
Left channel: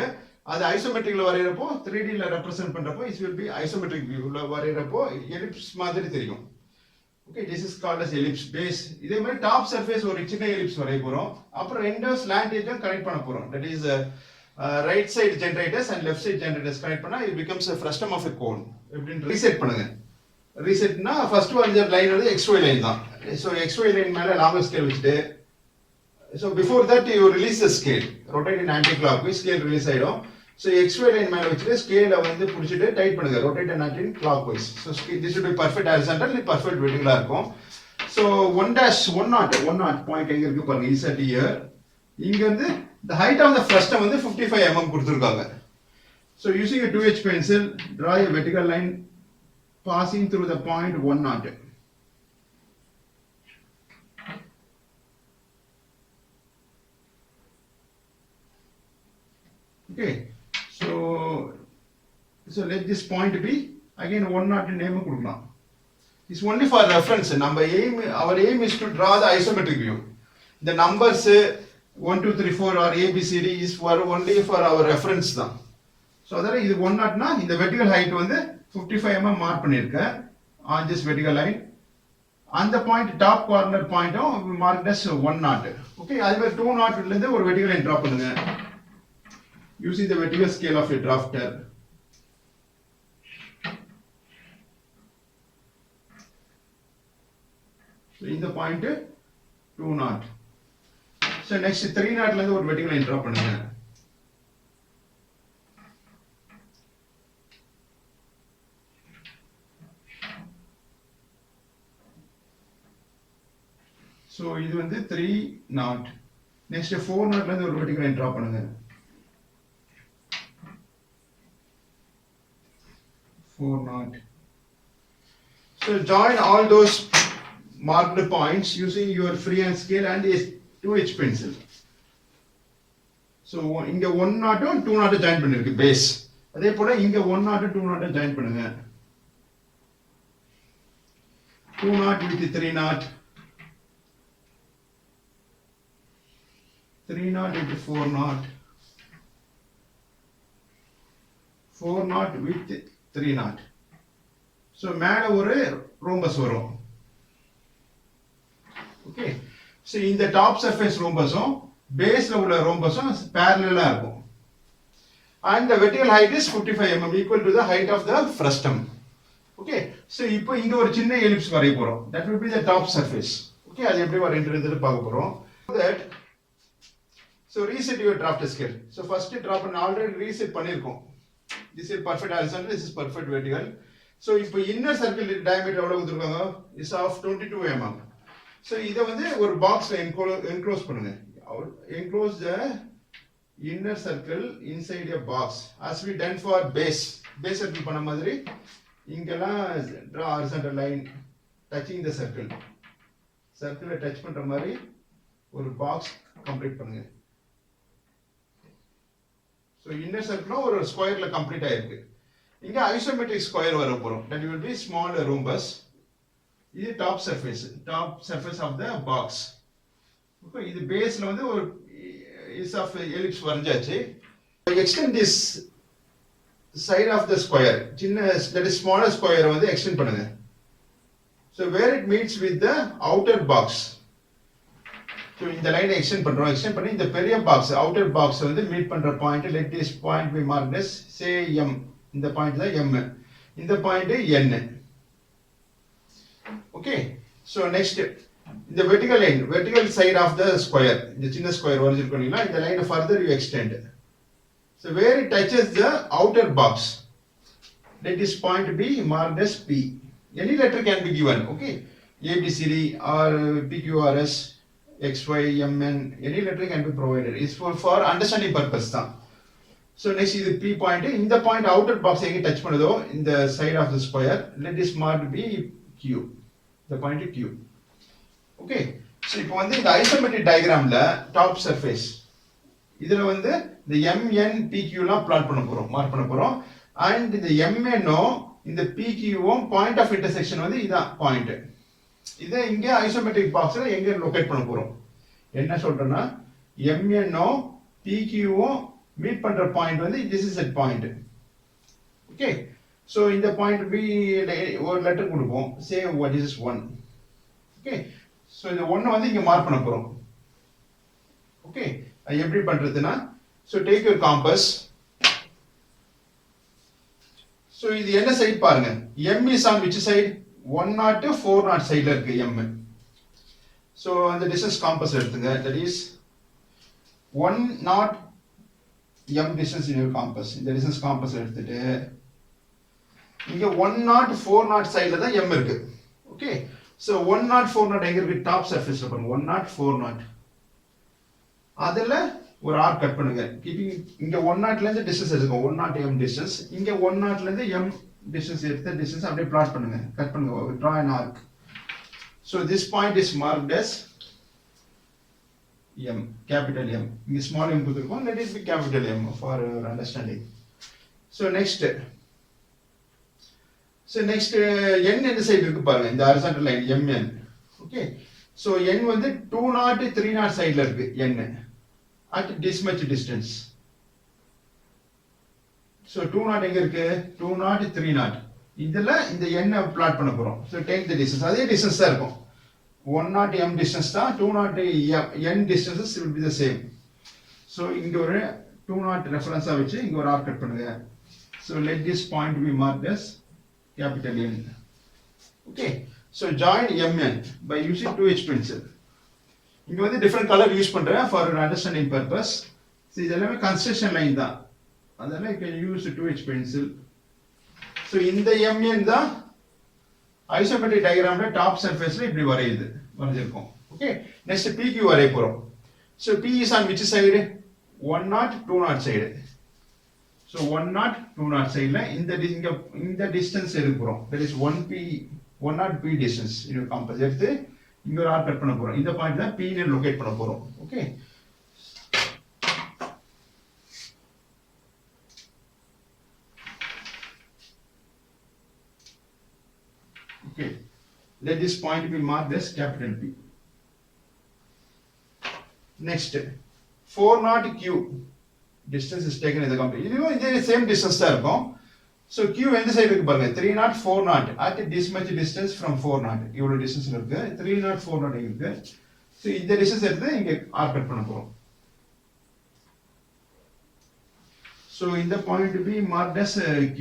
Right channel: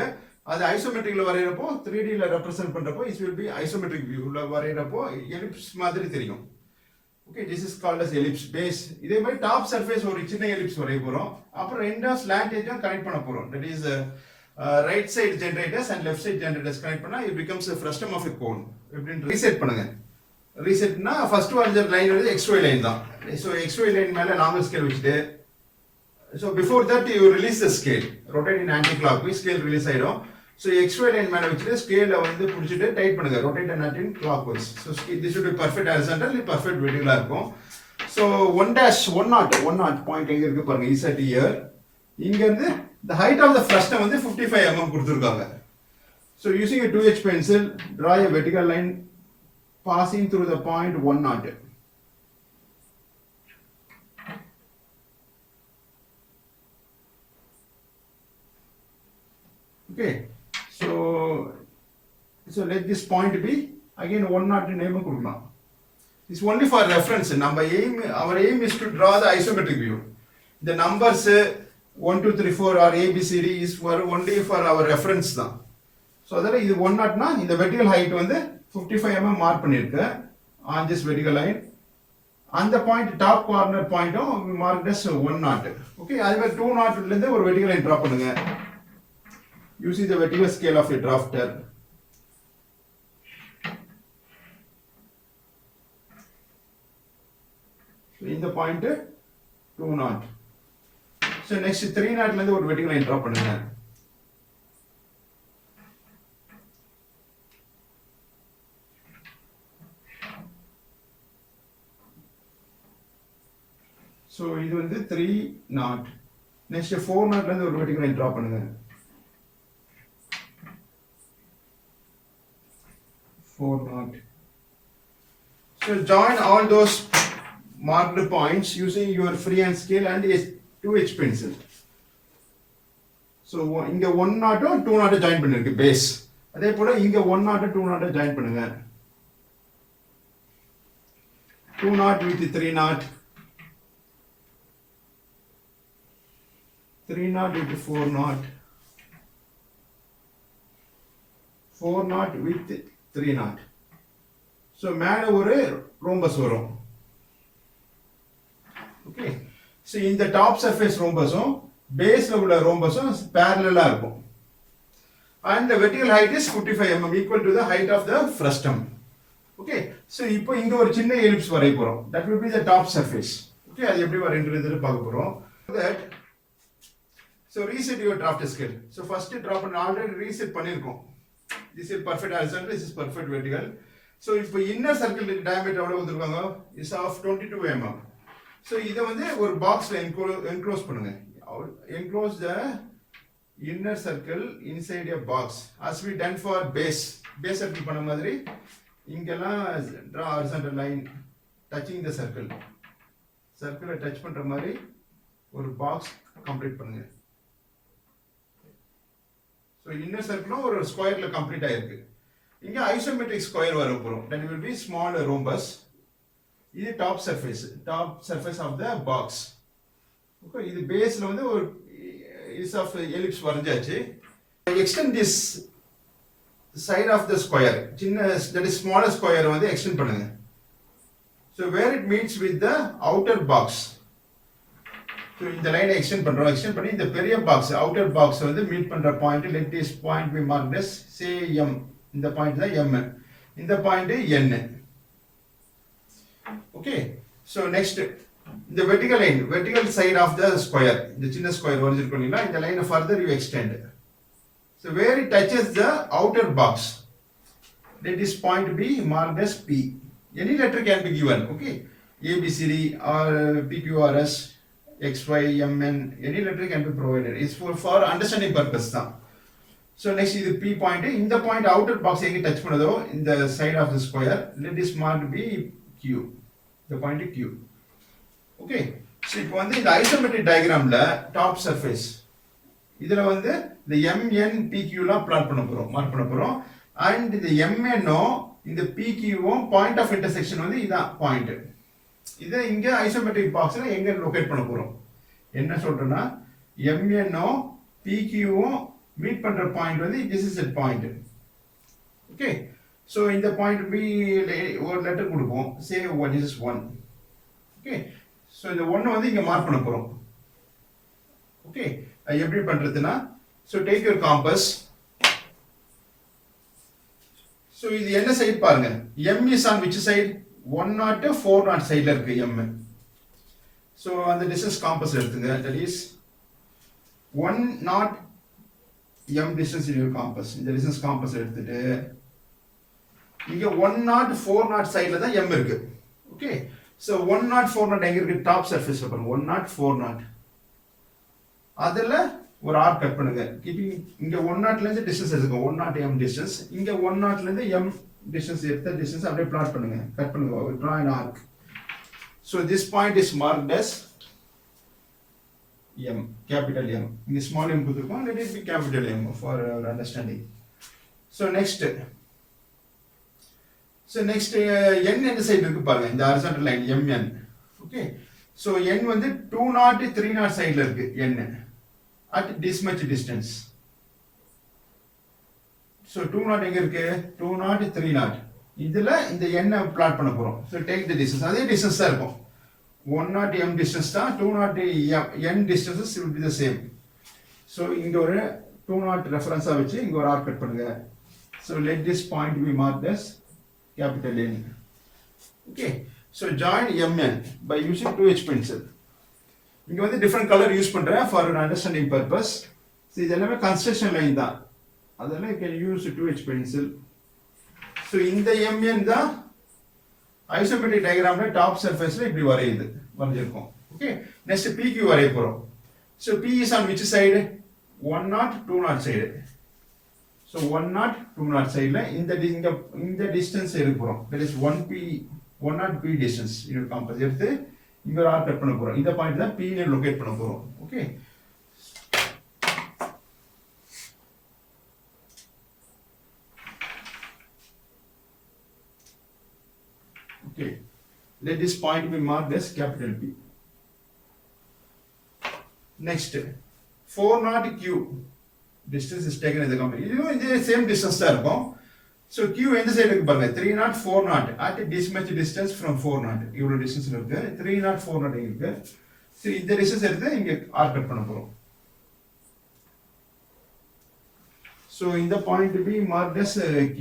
அது ஐசோமெட்ரிக்ல வரையறப்போ 3D ல ரெப்ரசன்ட் பண்றப்போ இட் வில் பி ஐசோமெட்ரிக் வியூல வரையறப்போ எலிப்ஸ் மாதிரி தெரியும். Okay this is called as ellipse base. இதே மாதிரி டாப் சர்ஃபேஸ் ஒரு சின்ன எலிப்ஸ் வரைய போறோம். அப்புறம் ரெண்டு ஸ்லாண்ட் எட்ஜும் கனெக்ட் பண்ண போறோம். That is right side generators and left side generators connect பண்ணா it becomes a frustum of a cone. எப்படின்னு ரீசெட் பண்ணுங்க. ரீசெட்னா ஃபர்ஸ்ட் வரைஞ்ச லைன் வந்து XY லைன் தான். ஸோ XY லைன் மேலே லாங்கர் ஸ்கேல் வச்சுட்டு so before that you release the scale rotate in anticlockwise scale release ஆகிடும். So XY line மேலே வச்சுட்டு ஸ்கேலை வந்து பிடிச்சிட்டு டைட் பண்ணுங்க rotate and anti clock wise. So this will be perfect horizontal இது பர்ஃபெக்ட் வெர்டிகலாக இருக்கும். ஸோ 1 நாட் பாயிண்ட் எங்கே இருக்கு பாருங்க இசட் இயர். இங்கேருந்து the height of the frustum வந்து 55 mm கொடுத்துருக்காங்க. So using a 2H pencil draw a vertical line passing through the point 1 knot. Okay, so let this point be again 1 knot name கொடுக்கலாம். It's only for reference. Our aim is to draw the isometric view. The numbers 1 2 3 4 or ABCD is for only for our reference தான். So அதனால இது 1 knotனா இந்த vertical height வந்து 55 mm mark பண்ணிருக்கேன் on this vertical line. அந்த point top corner பாயிண்ட்டும் mark as 1 knot. Okay அதே மாதிரி 2 knot ல இருந்து ஒரு vertical line டிரா பண்ணுங்க using the vertical scale of a drafter. So இந்த பாயிண்ட் 2 knot. So next 3 knot ல இருந்து ஒரு vertical line டிரா பண்ணுங்க. So இது வந்து 3 knot. Next 4 knot ல இருந்து ஒரு vertical line draw பண்ணுங்க. 4 knot. So join all those marked points using your freehand scale and a 2H pencil. So இங்க 1 knot 2 knot join பண்ணிருக்கு base. அதே போல இங்க 1 knot 2 knot join பண்ணுங்க. 2 knot with 3 knot. 3 knot into 4 knot. 4 knot with 3 knot. So மேல ஒரு ரோம்பஸ் வரும். Okay. So இந்த top surface ரோம்பஸும் பேஸ்ல உள்ள ரோம்பஸும் parallel இருக்கும். And the vertical height is 55 mm equal to the height of the frustum. Okay. So இப்போ இங்க ஒரு சின்ன ellipse வரைய போறோம். That will be the top surface. Okay. அது எப்படி வரையறதுன்னு பார்க்க போறோம். That so reset your draft scale. So first drop and already reset பண்ணிருக்கோம். This is perfect horizontal, this is perfect vertical. So இப்போ inner circle diameter எவ்வளவு கொடுத்திருக்காங்க is of 22 mm. So இத வந்து ஒரு பாக்ஸ்ல enclose பண்ணுங்க. Enclose the inner circle inside a box as we done for base circle பண்ண மாதிரி இங்கெல்லாம் draw horizontal line touching the circle touch பண்ற மாதிரி ஒரு பாக்ஸ் கம்ப்ளீட் பண்ணுங்க. So inner circle ஒரு ஸ்கொயர்ல கம்ப்ளீட் ஆயிருக்கு. இங்க ஐசோமெட்ரிக் ஸ்கொயர் வர போறோம். That will be small rhombus. இது top surface of the box. Okay, இது பேஸ்ல வந்து ஒரு is of ellipse வரைஞ்சாச்சு. Extend this side of the square. சின்ன that is smaller square வந்து extend பண்ணுங்க. So where it meets with the outer box. So இந்த லைனை extend பண்ணி இந்த பெரிய பாக்ஸ் outer box வந்து மீட் பண்ற point let this point be marked as say M. இந்த பாயிண்ட் தான் M. இந்த point N. Okay. So next the vertical side of the square, the சின்ன ஸ்கொயர் வரைஞ்சிருக்கீங்களா இந்த லைனை further you extend. So where it touches the outer box, let this point be marked as P. Any letter can be given, okay? A, B, C, D, or P, Q, R, S, X, Y, M, N, any letter can be provided. It's for understanding purpose தான். So next is the P point. In the point outer box எங்க touch பண்ணுதோ in the side of the square, let this mark be Q. The point is Q. Okay. So இப்போ வந்து இந்த isometric diagramல top surface இதுல வந்து இந்த MN PQ லாம் பிளாட் பண்ண போறோம் மார்க் பண்ண போறோம் and இந்த MN இந்த PQ பாயிண்ட் ஆஃப் இன்டர்செக்ஷன் வந்து இதான் பாயிண்ட். இதை இங்க ஐசோமெட்ரிக் பாக்ஸ்ல எங்க லொகேட் பண்ண போறோம் என்ன சொல்றேன்னா MN PQ மீட் பண்ற பாயிண்ட் வந்து this is a point. Okay. So இந்த பாயிண்ட் B ஒரு லெட்டர் கொடுப்போம் say what is 1. Okay. So இந்த 1 வந்து இங்க மார்க் பண்ண போறோம். Okay. அது எப்படி பண்றதுன்னா so take your compass. So இது என்ன சைடு பாருங்க M is on which side 1 4 சைடுல இருக்கு M. So அந்த distance compass எடுத்துங்க that is 1 M distance in your compass. இந்த distance compass எடுத்துட்டு இங்க 1 4 சைடுல தான் M இருக்கு. Okay. So 1 4 எங்க இருக்கு டாப் சர்ஃபேஸ்ல பாருங்க 1 4 அதுல ஒரு ஆர்க் கட் பண்ணுங்க கீப்பிங் இங்க 1 ல இருந்து டிஸ்டன்ஸ் எடுங்க 1 m டிஸ்டன்ஸ் இங்க 1 ல இருந்து m டிஸ்டன்ஸ் எடுத்து டிஸ்டன்ஸ் அப்படியே பிளாட் பண்ணுங்க கட் பண்ணுங்க draw an arc. So this point is marked as m capital M. இங்க small m கொடுத்திருக்கோம் let it be capital M for your understanding. So next n எந்த சைடு இருக்கு பாருங்க இந்த horizontal line mn. Okay. So n வந்து 2 3 சைடுல இருக்கு n at this much distance. So 2 எங்க இருக்கு 2 3 இதுல இந்த n பிளாட் பண்ண போறோம். So take the distance அதே distance தான் இருக்கும் 1 m distance தான் 2 n distances will be the same. So இங்க ஒரு 2 ரெஃபரன்ஸா வச்சு இங்க ஒரு ஆர்க் கட் பண்ணுங்க. So let this point be marked as capital N. Okay. So join mn by using 2H pencil. இங்க வந்து different color யூஸ் பண்றேன் for an understanding purpose. So இது எல்லாமே construction line தான். அதனால you can use 2H pencil. So இந்த mn தான் isometric diagramல top surfaceல இப்படி வரைஞ்சிருக்கும். Okay. Next PQ வரைய போறோம். So P is on which side 1 2 side. So 1 2 sideல இந்த distance எடுக்க போறோம். That is 1 P distance in your compass எடுத்து இங்க ஒரு ஆர்க் கட் பண்ண போறோம். இந்த பாயிண்ட் தான் P ல லொகேட் பண்ண போறோம். Okay. Okay. Let this point be marked as capital P. Next 4 Q. distance is taken in the company. இதுவும் இதே same distance தான் இருக்கும். So Q எந்த சைடு இருக்கு பாருங்க 30 40 at this much distance from 40 இவ்வளவு distance இருக்கு 30 40 இருக்கு. So இந்த distance எடுத்து இங்க ஆர்க் கட் பண்ண போறோம். So in the point to be marked as Q.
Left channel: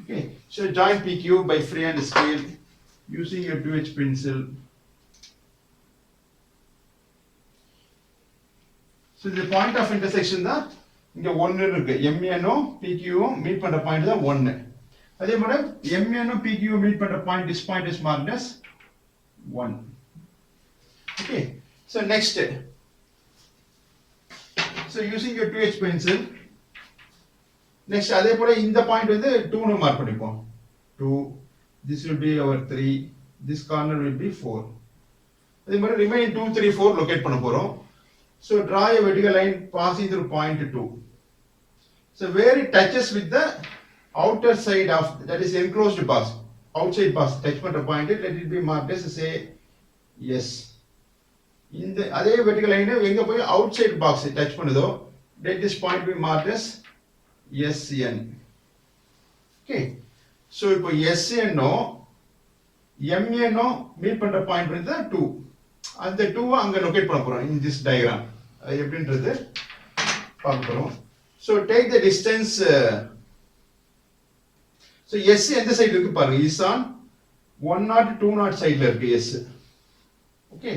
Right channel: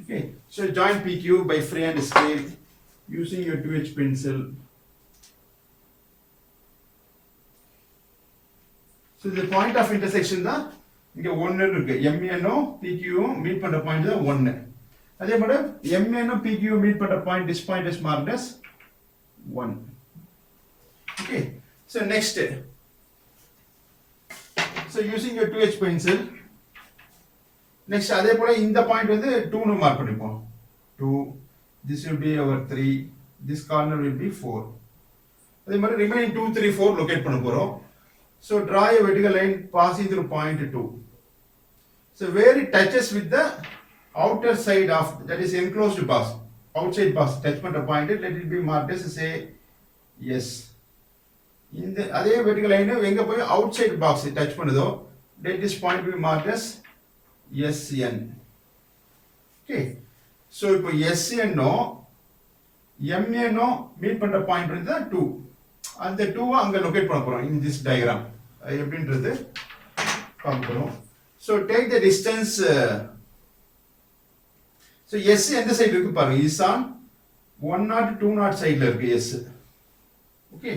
Okay, so join PQ by freehand scale using your 2H pencil. So the point of intersection தான் இங்க 1 இருக்கு. MN-ம் PQ-ம் மீட் பண்ற பாயிண்ட் தான் 1. அதே மாதிரி MN-ம் PQ-ம் மீட் பண்ற point this point is marked as 1. Okay, so next. So using your 2H pencil, next அதே போல இந்த பாயிண்ட் வந்து 2 னு மார்க் பண்ணிப்போம். 2, this will be our 3, this corner will be 4. அதே மாதிரி remaining 2 3 4 locate பண்ண போறோம். So draw a vertical line passing through point 2. So where it touches with the outer side of that is enclosed box, outside box touch பண்ற point, let it be marked as say yes. இந்த அதே vertical line எங்க போய் outside box touch பண்ணுதோ let this point be marked as SN. Okay, so இப்போ SN நோ MN நோ meet பண்ற பாயிண்ட் வந்து 2. அந்த 2 அங்க லொகேட் பண்ண போறோம் in this diagram. எப்படின்றது பார்க்க போறோம். So take the distance. So S எந்த சைடு இருக்கு பாருங்க, is on 1 2 சைடுல இருக்கு S. Okay,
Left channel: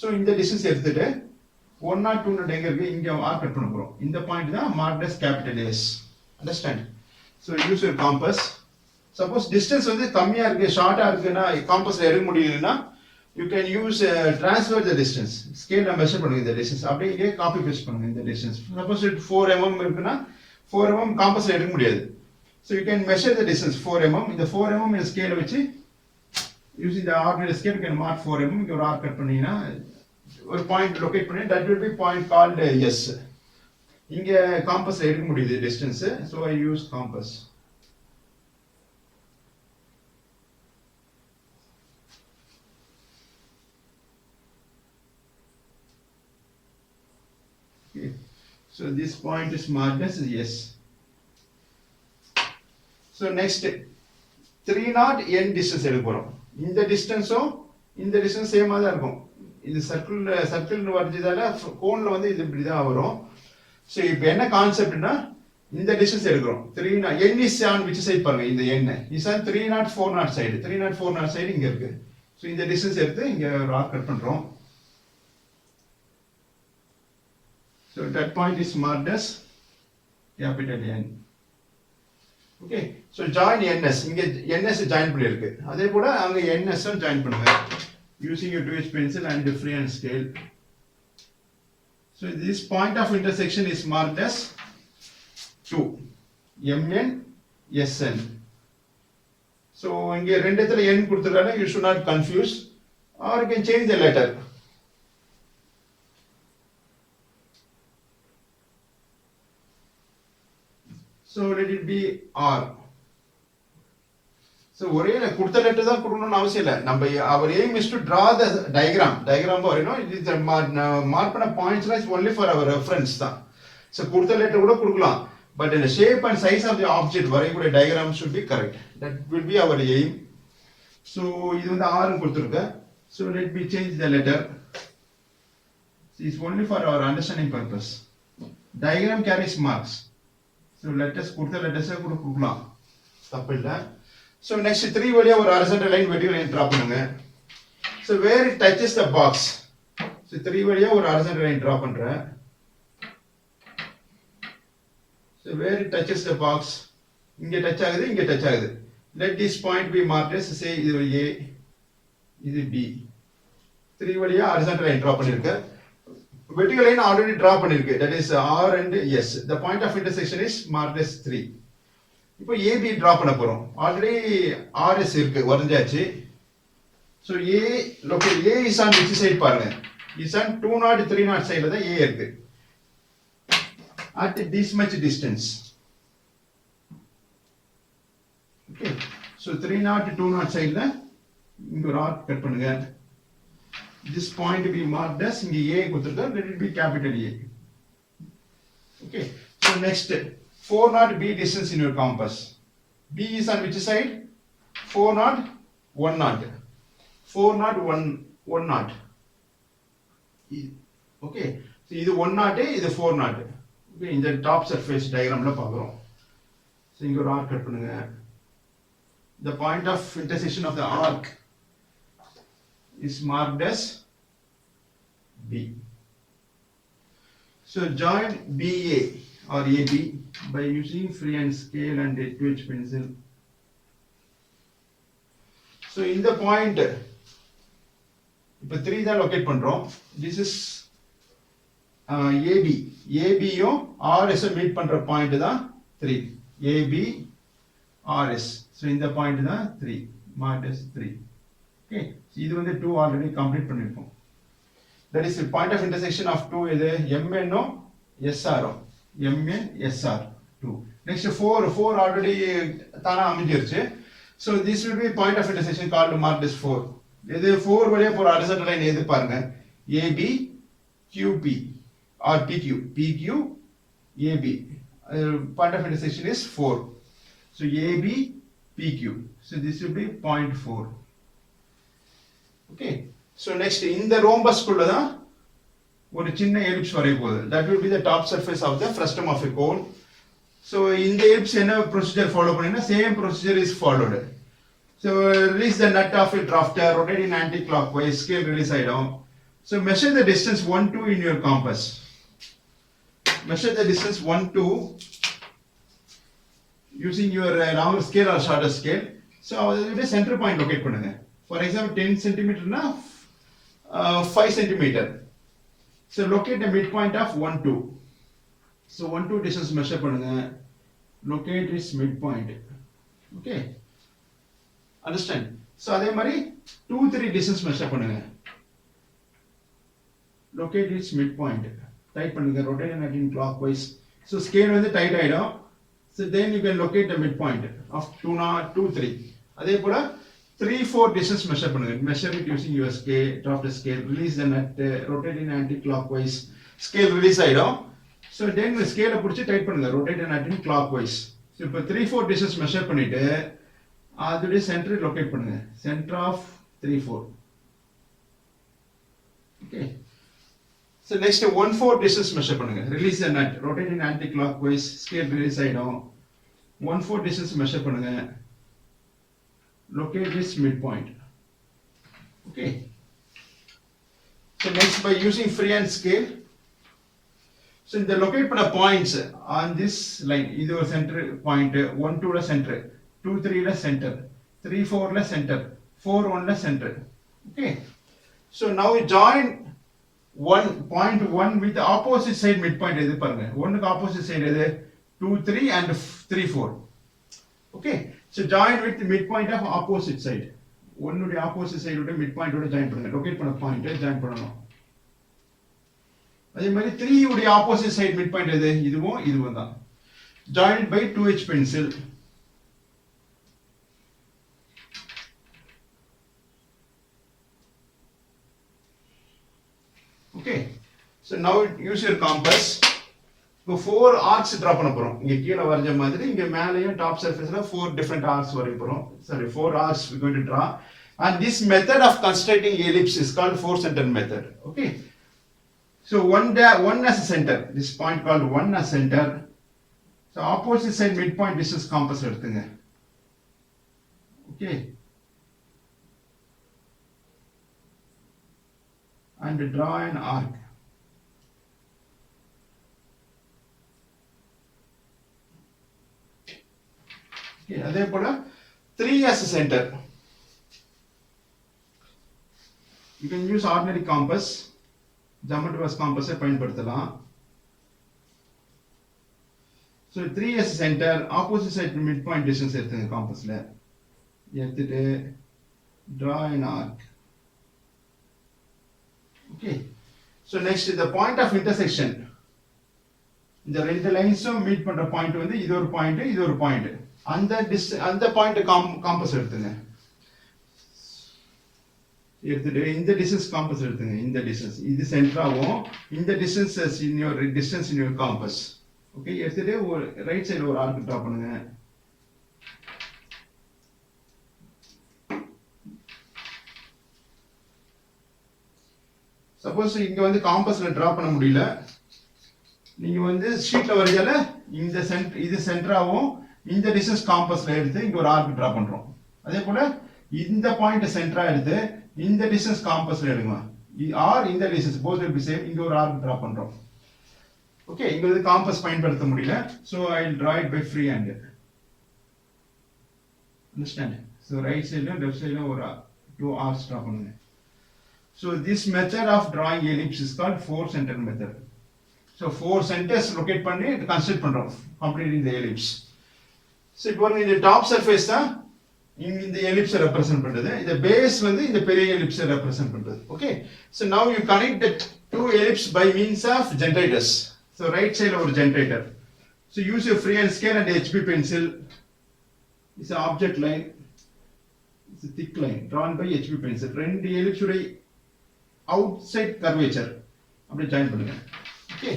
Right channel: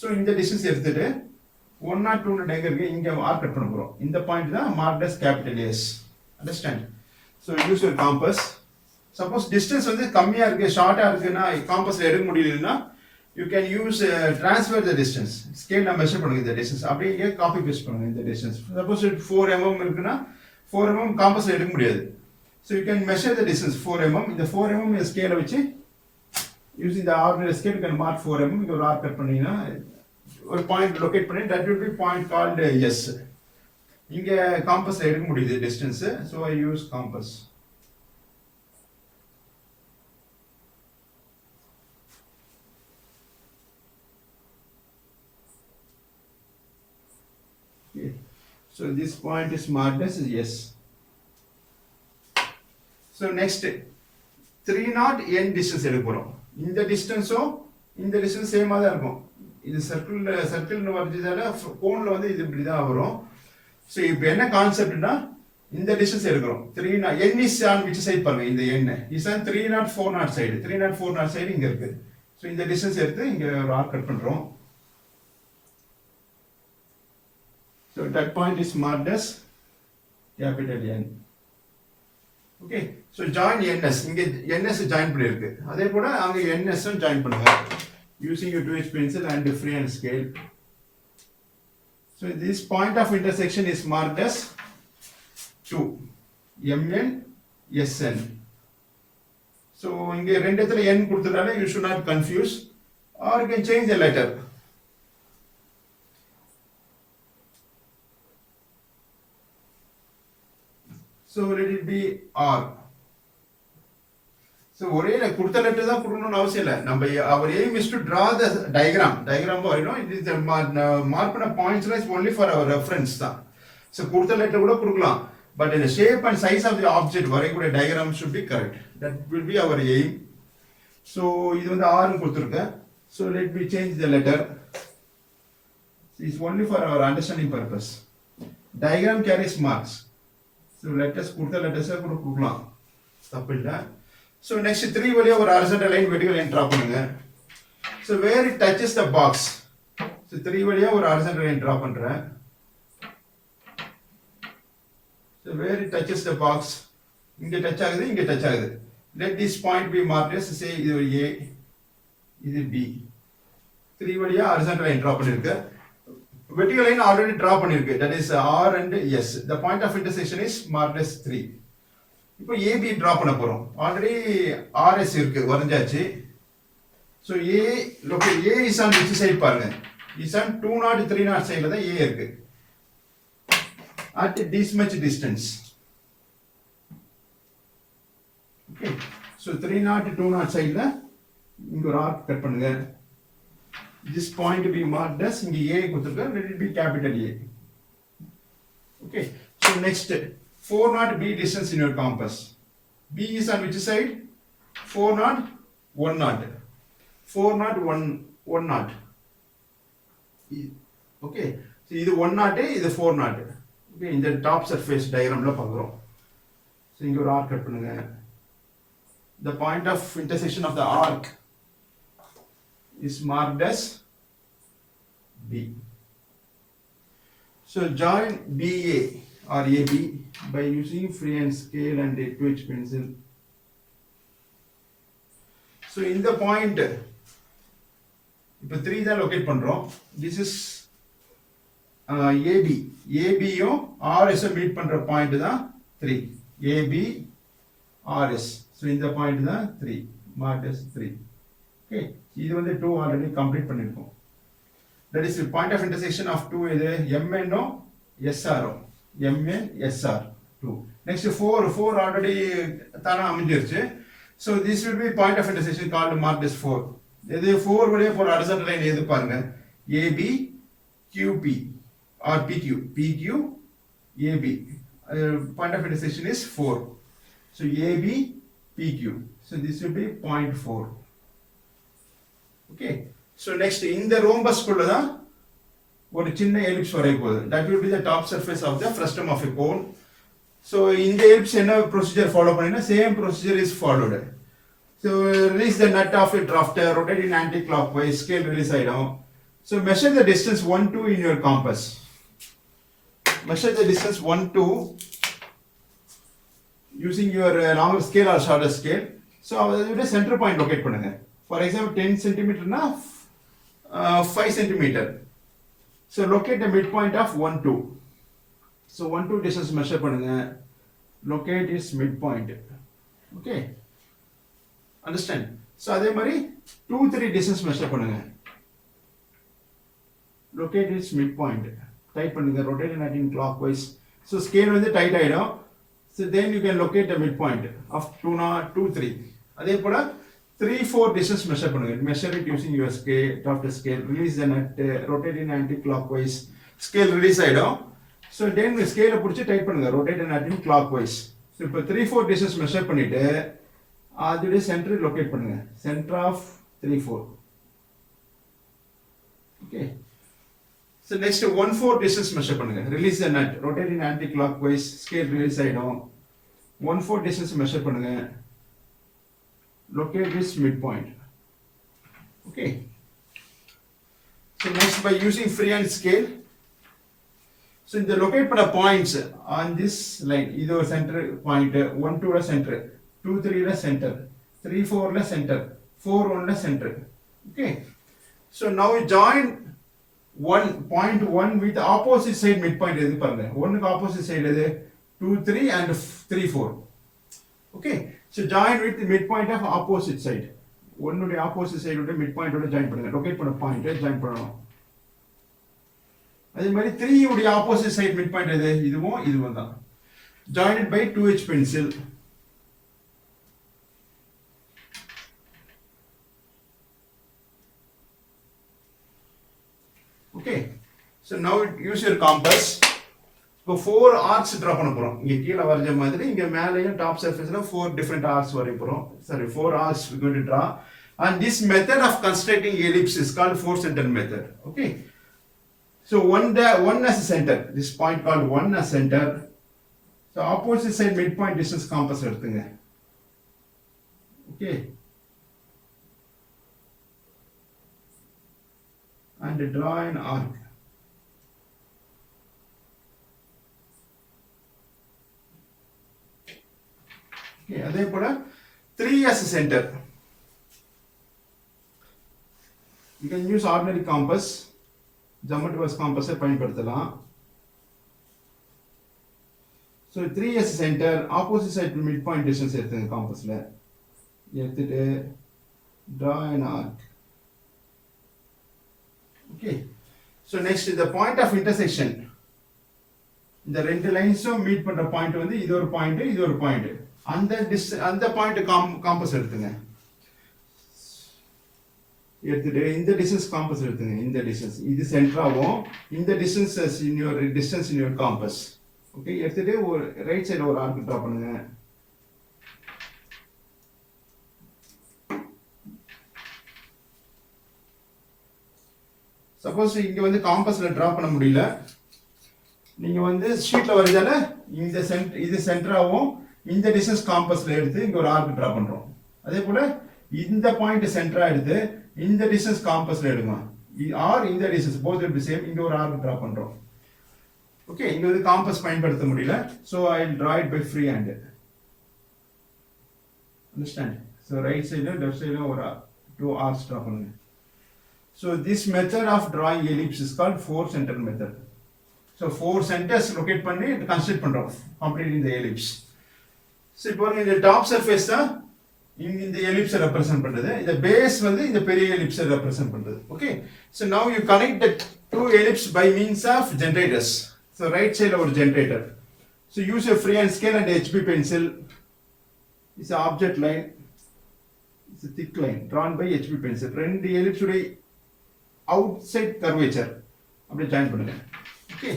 so இந்த distance எடுத்துட்டு 1 2 எங்க இருக்கு இங்க ஆர்க் கட் பண்ண போறோம். இந்த பாயிண்ட் தான் marked as capital S. Understand? So use your compass. Suppose distance வந்து கம்மியா இருக்கு ஷார்ட்டா இருக்குன்னா காம்பஸ்ல எடுக்க முடியலன்னா you can use transfer the distance. Scale ல மெஷர் பண்ணுங்க இந்த distance. அப்படியே இங்க காப்பி பேஸ்ட் பண்ணுங்க இந்த distance. Suppose it 4 mm இருக்குன்னா 4 mm காம்பஸ்ல எடுக்க முடியாது. So you can measure the distance 4 mm. இந்த 4 mm இந்த ஸ்கேலை வச்சு using the ordinary scale you can mark 4 mm. இங்க ஒரு ஆர்க் கட் பண்ணீங்கன்னா ஒரு பாயிண்ட் லொகேட் பண்ணி that will be point called S. இங்க காம்பஸ்ல எடுக்க முடியுது distance. So I use compass. Okay, so this point is marked as yes. So next 3 n distance எடுக்க போறோம். இந்த டிஸ்டன்ஸும் இந்த டிஸ்டன்ஸ் சேமா தான் இருக்கும். இது சர்க்கிள்னு வர்றதால கோன்ல வந்து இது இப்படி தான் வரும். So இப்போ என்ன கான்செப்ட்னா இந்த டிஸ்டன்ஸ் எடுக்கிறோம். 3 n is on which side பாருங்க, இந்த n is on 304 சைடு. 304 சைடு இங்க இருக்கு. So இந்த டிஸ்டன்ஸ் எடுத்து இங்க ஒரு ஆர்க் கட் பண்றோம். So that point is marked as capital N. Okay, so join NS. இங்க NS ஜாயின் பண்ணி இருக்கு. அதே போல அங்க NS ஜாயின் பண்ணுங்க using your 2H pencil and freehand scale. So this point of intersection is marked as 2 MN SN. So இங்க ரெண்டு இடத்துல n கொடுத்ததால you should not confuse or you can change the letter. So let it be R. So ஒரே கொடுத்த லெட்டர் தான் கொடுக்கணும்னு அவசியம் இல்லை. நம்ம our aim is to draw the diagram வரையணும். it is the மார்க் பண்ண பாயிண்ட்ஸ்லாம் is only for our reference தான். So கொடுத்த லெட்டர் கூட கொடுக்கலாம், but in the shape and size of the object வரையக்கூடிய diagram should be correct. That will be our aim. So இது வந்து R கொடுத்துருக்கு. So let me change the letter. It is only for our understanding purpose. Diagram carries marks. So letters கொடுத்த லெட்டர்ஸை கூட கொடுக்கலாம், தப்பு இல்லை. So next 3 வழியா ஒரு horizontal line vertical line draw பண்ணுங்க. So where it touches the box. So 3 வழியா ஒரு horizontal line draw பண்றேன். So where it touches the box, இங்க டச் ஆகுது, இங்க டச் ஆகுது. Let this point be marked as say இது A, இது B. 3 வழியா horizontal line draw பண்ணிருக்கேன். Vertical line already draw பண்ணிருக்கு, that is R and S. The point of intersection is marked as 3. இப்போ AB draw பண்ண போறோம். ஆல்ரெடி RS இருக்கு, வரைஞ்சாச்சு. So A locate A is on which side பாருங்க, is on 2 3 சைடுல தான் A இருக்கு. At this much distance. Okay, so 3 2 சைடுல இங்க ஒரு ஆர்க் கட் பண்ணுங்க. This point be marked as இங்க A கொடுத்திருக்க, let it be capital A. Okay, so next 4 knot B distance in your compass. B is on which side? 4 knot 1 knot, 4 knot 1 knot. Okay, so இது 1 knot, இது 4 knot. Okay, இந்த top surface diagramல பார்க்குறோம். So இங்க ஒரு arc cut பண்ணுங்க. The point of intersection of the arc is marked as B. So join BA or AB by using freehand scale and 2H pencil. So in the point, இப்போ 3 தான் locate பண்றோம். This is AB. AB யும் RS meet பண்ற பாயிண்ட் தான் 3. AB RS. So இந்த பாயிண்ட் தான் 3. Marked as 3. Okay. இது வந்து 2 ஆல்ரெடி கம்ப்ளீட் பண்ணிருக்கோம். That is the point of intersection of 2 இது MN ஓ SR ஓ MN SR 2. Next 4 already தானா அமைஞ்சிருச்சு. So this will be point of intersection called marked as 4. இது 4 வழியா போற horizontal line எது பாருங்க, AB QP or PQ, PQ AB. Point of intersection is 4. So AB PQ. So this will be point 4. Okay. So next in the rhombus குள்ள தான் ஒரு சின்ன ellipse வரைய போகுது. That will be the top surface of the frustum of a cone. So in the ellipse என்ன procedure follow பண்ணினா same procedure is followed. So release the nut of a drafter, rotate in anti-clockwise, scale release ஆயிடும். So measure the distance 1 2 in your compass. Measure the distance 1 2 using your longer scale or shorter scale. So அதோட center point locate பண்ணுங்க. For example 10 cm na 5 cm. So locate the midpoint of 1 2. So 1 2 distance measure பண்ணுங்க. Locate its midpoint. Okay. Understand? So அதே மாதிரி 2 3 distance measure பண்ணுங்க. Locate its midpoint. Type பண்ணுங்க. Rotate and anti clockwise. So scale வந்து tight ஆயிடும். So then you can locate the midpoint of 2 2 3. அதே போல 3 4 distance measure பண்ணுங்க. Measure it using your scale, drafter scale. Release the nut, rotate in anti-clockwise. Scale release ஆயிடும். So then scale பிடிச்சி டைட் பண்ணுங்க. Rotate and anti-clockwise. So இப்போ 3 4 distance measure பண்ணிட்டு அதோட centre locate பண்ணுங்க. Center of 3 4. Okay. So next 1 4 distance measure பண்ணுங்க. Release the nut, rotate in anti-clockwise. Scale release ஆயிடும். 1 4 distance measure பண்ணுங்க. Locate this midpoint. Okay. So next by using freehand scale. So in the locate பண்ண points on this line, இது ஒரு center point, 1 2 ல center, 2 3 ல center, 3 4 ல center, 4 1 ல center. Okay. So now we join point 1 with opposite side midpoint எது பாருங்க. 1 க்கு opposite side எது 2 3 and 3 4. Okay. So join with the midpoint of opposite side. One உடைய opposite side உடைய midpoint ஓட join பண்ணுங்க. locate பண்ண point join பண்ணனும். அதே மாதிரி 3 உடைய opposite side midpoint எது? இதுவும் தான். Join it by 2H pencil. Okay. So now use your compass. இப்போ 4 arcs draw பண்ண போறோம். இங்க கீழ வரைஞ்ச மாதிரி இங்க மேலயும் top surfaceல 4 different arcs வரைய போறோம். Sorry, 4 arcs we are going to draw. And this method of constructing ellipse is called 4 center method. Okay. So one as a center. This point called 1 as center. So opposite side midpoint distance compass எடுத்துங்க. Okay. And draw an arc. Okay, அதே போல 3 as a center. You can use ordinary compass. Geometry compass பயன்படுத்தலாம். So 3 as a center, opposite side midpoint distance எடுத்துங்க compassல. எடுத்துட்டு draw an arc. Okay. So next the point of intersection. இந்த ரெண்டு லைன்ஸும் மீட் பண்ற பாயிண்ட் வந்து இது ஒரு பாயிண்ட். அந்த பாயிண்ட் காம்பஸ் எடுத்துங்க. எடுத்துட்டு இந்த டிஸ்டன்ஸ் காம்பஸ் எடுத்துங்க. இந்த டிஸ்டன்ஸ் இது சென்டராவும் இந்த distance in your compass. Okay, எடுத்துட்டு ஒரு ரைட் சைடு ஒரு ஆர்க் டிரா பண்ணுங்க. சப்போஸ் இங்க வந்து காம்பஸ்ல டிரா பண்ண முடியல, நீங்க வந்து ஷீட்ல வரைஞ்சால இந்த இது சென்டராவும் இந்த டிஸ்டன்ஸ் காம்பஸ்ல எடுத்து இங்க ஒரு ஆர்க் டிரா பண்றோம். அதே போல இந்த பாயிண்ட் சென்டரா எடுத்து இந்த டிஸ்டன்ஸ் காம்பஸ்ல எடுங்க. ஆர் இந்த distance both will be same. இங்க ஒரு ஆர்க் டிரா பண்றோம். ஓகே, இங்க வந்து காம்பஸ் பயன்படுத்த முடியல. So I will draw it by free hand. Understand? So right side and left side ஒரு two arcs draw பண்ணுங்க. So this method of drawing ellipse is called four center method. So four centers locate பண்ணி construct பண்றோம் completing the ellipse. So இப்போ இந்த top surface தான் இந்த ellipse represent பண்றது. இந்த base வந்து இந்த பெரிய ellipse represent பண்றது. Okay? So now you connect the two ellipse by means of generators. So right side ஒரு generator. So use a freehand scale and HB pencil. It's an object line. It's a thick line drawn by HB pencil. ரெண்டு ellipse உடைய outside curvature அப்படி join பண்ணுங்க. Okay.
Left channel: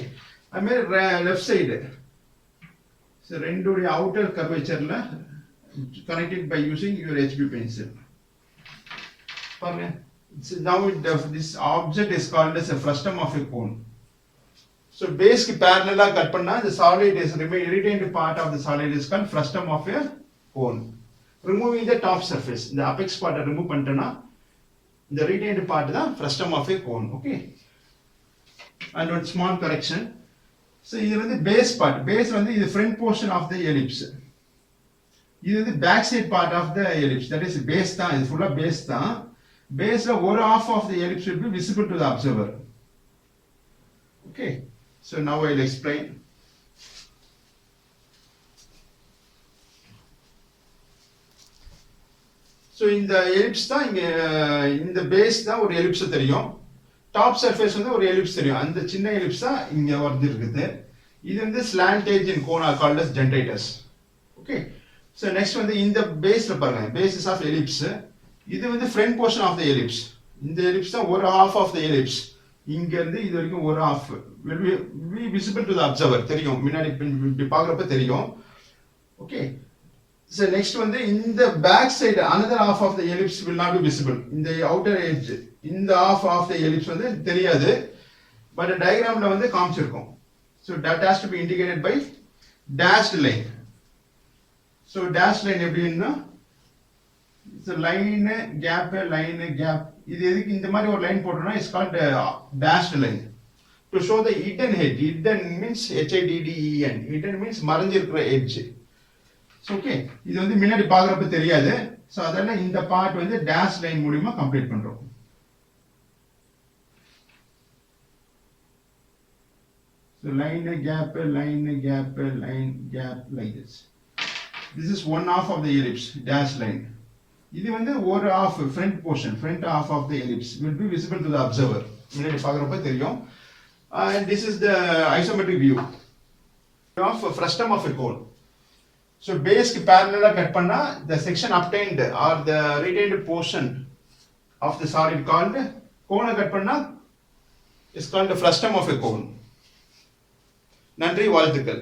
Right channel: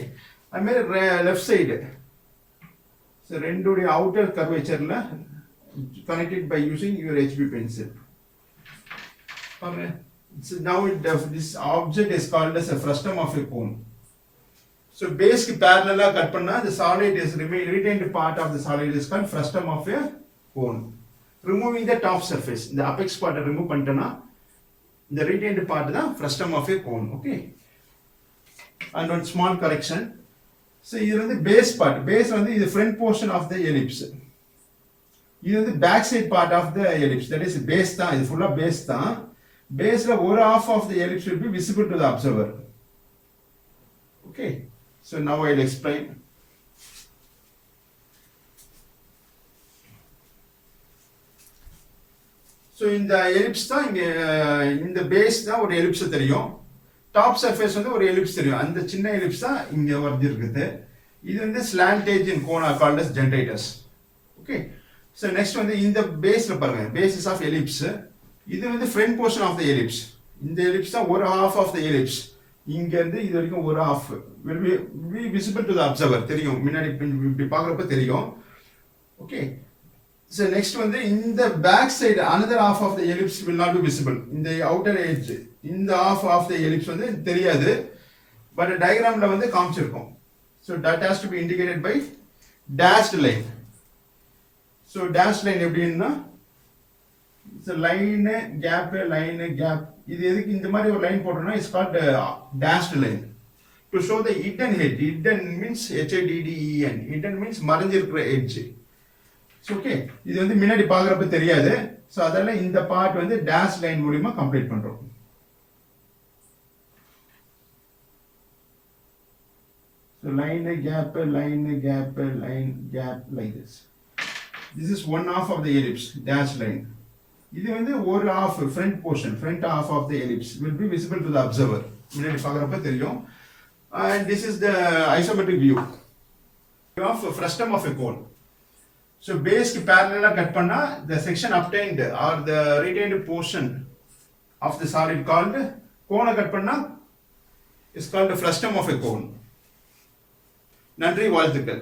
அதுமாதிரி left side ரெண்டுடைய outer கர்வேச்சர்ல connected by using your HB pencil. Now this object is called as a frustum of a cone. So base ki parallel cut panna, the solid is retained part of the solid is called frustum of a cone. Removing the top surface, the apex part remove pantana, the retained part the frustum of a cone. Okay. And one small correction. So இது வந்து base part. Base வந்து இது front portion of the ellipse. இது வந்து back side part of the ellipse. That is base தான். இது full base தான். Baseல ஒரு half of the ellipse will be visible to the observer. Okay. So now I'll explain. So இந்த ellipse தான் இந்த base தான் ஒரு ellipse தெரியும். டாப் சர்ஃபேஸ் வந்து ஒரு எலிப்ஸ் தெரியும். அந்த சின்ன எலிப்ஸ் தான் இங்க வந்து இருக்குது. இது வந்து slant edge in cone are called as generators. Okay. So next வந்து இந்த பேஸ்ல பாருங்க, பேசிஸ் ஆஃப் எலிப்ஸ். இது வந்து front portion of the ellipse. இந்த எலிப்ஸ் தான் ஒரு ஹாஃப் ஆஃப் த எலிப்ஸ். இங்க இருந்து இது வரைக்கும் ஒரு half will be visible to the observer. தெரியும், முன்னாடி இப்படி பார்க்குறப்ப தெரியும். ஓகே. ஸோ நெக்ஸ்ட் வந்து இந்த back side another half of the ellipse will not be visible. இந்த outer edge இந்த half of the ellipse வந்து தெரியாது, பட் டயக்ராம்ல வந்து காமிச்சிருக்கோம். So that has to be indicated by dashed line. So dashed line எப்படின்னா லைன் கேப் லைன் கேப். இது எதுக்கு இந்த மாதிரி ஒரு லைன் போட்டோம்னா it's called dashed line to show the hidden edge. Hidden means HIDDEN. Hidden means மறைஞ்சிருக்கிற edge. Okay. இது வந்து முன்னாடி பார்க்குறப்ப தெரியாது. ஸோ அதெல்லாம் இந்த பார்ட் வந்து டேஷ் லைன் மூலியமா கம்ப்ளீட் பண்றோம். So line gap line gap line gap like this. This is one half of the ellipse dash line. இது வந்து ஒரு half front portion, front half of the ellipse will be visible to the observer. முன்னாடி பார்க்குறப்ப தெரியும். And this is the isometric view of frustum of a cone. So base ki parallel cut panna, the section obtained or the retained portion of the solid called cone cut panna is called the frustum of a cone. நன்றி, வாழ்த்துக்கள்.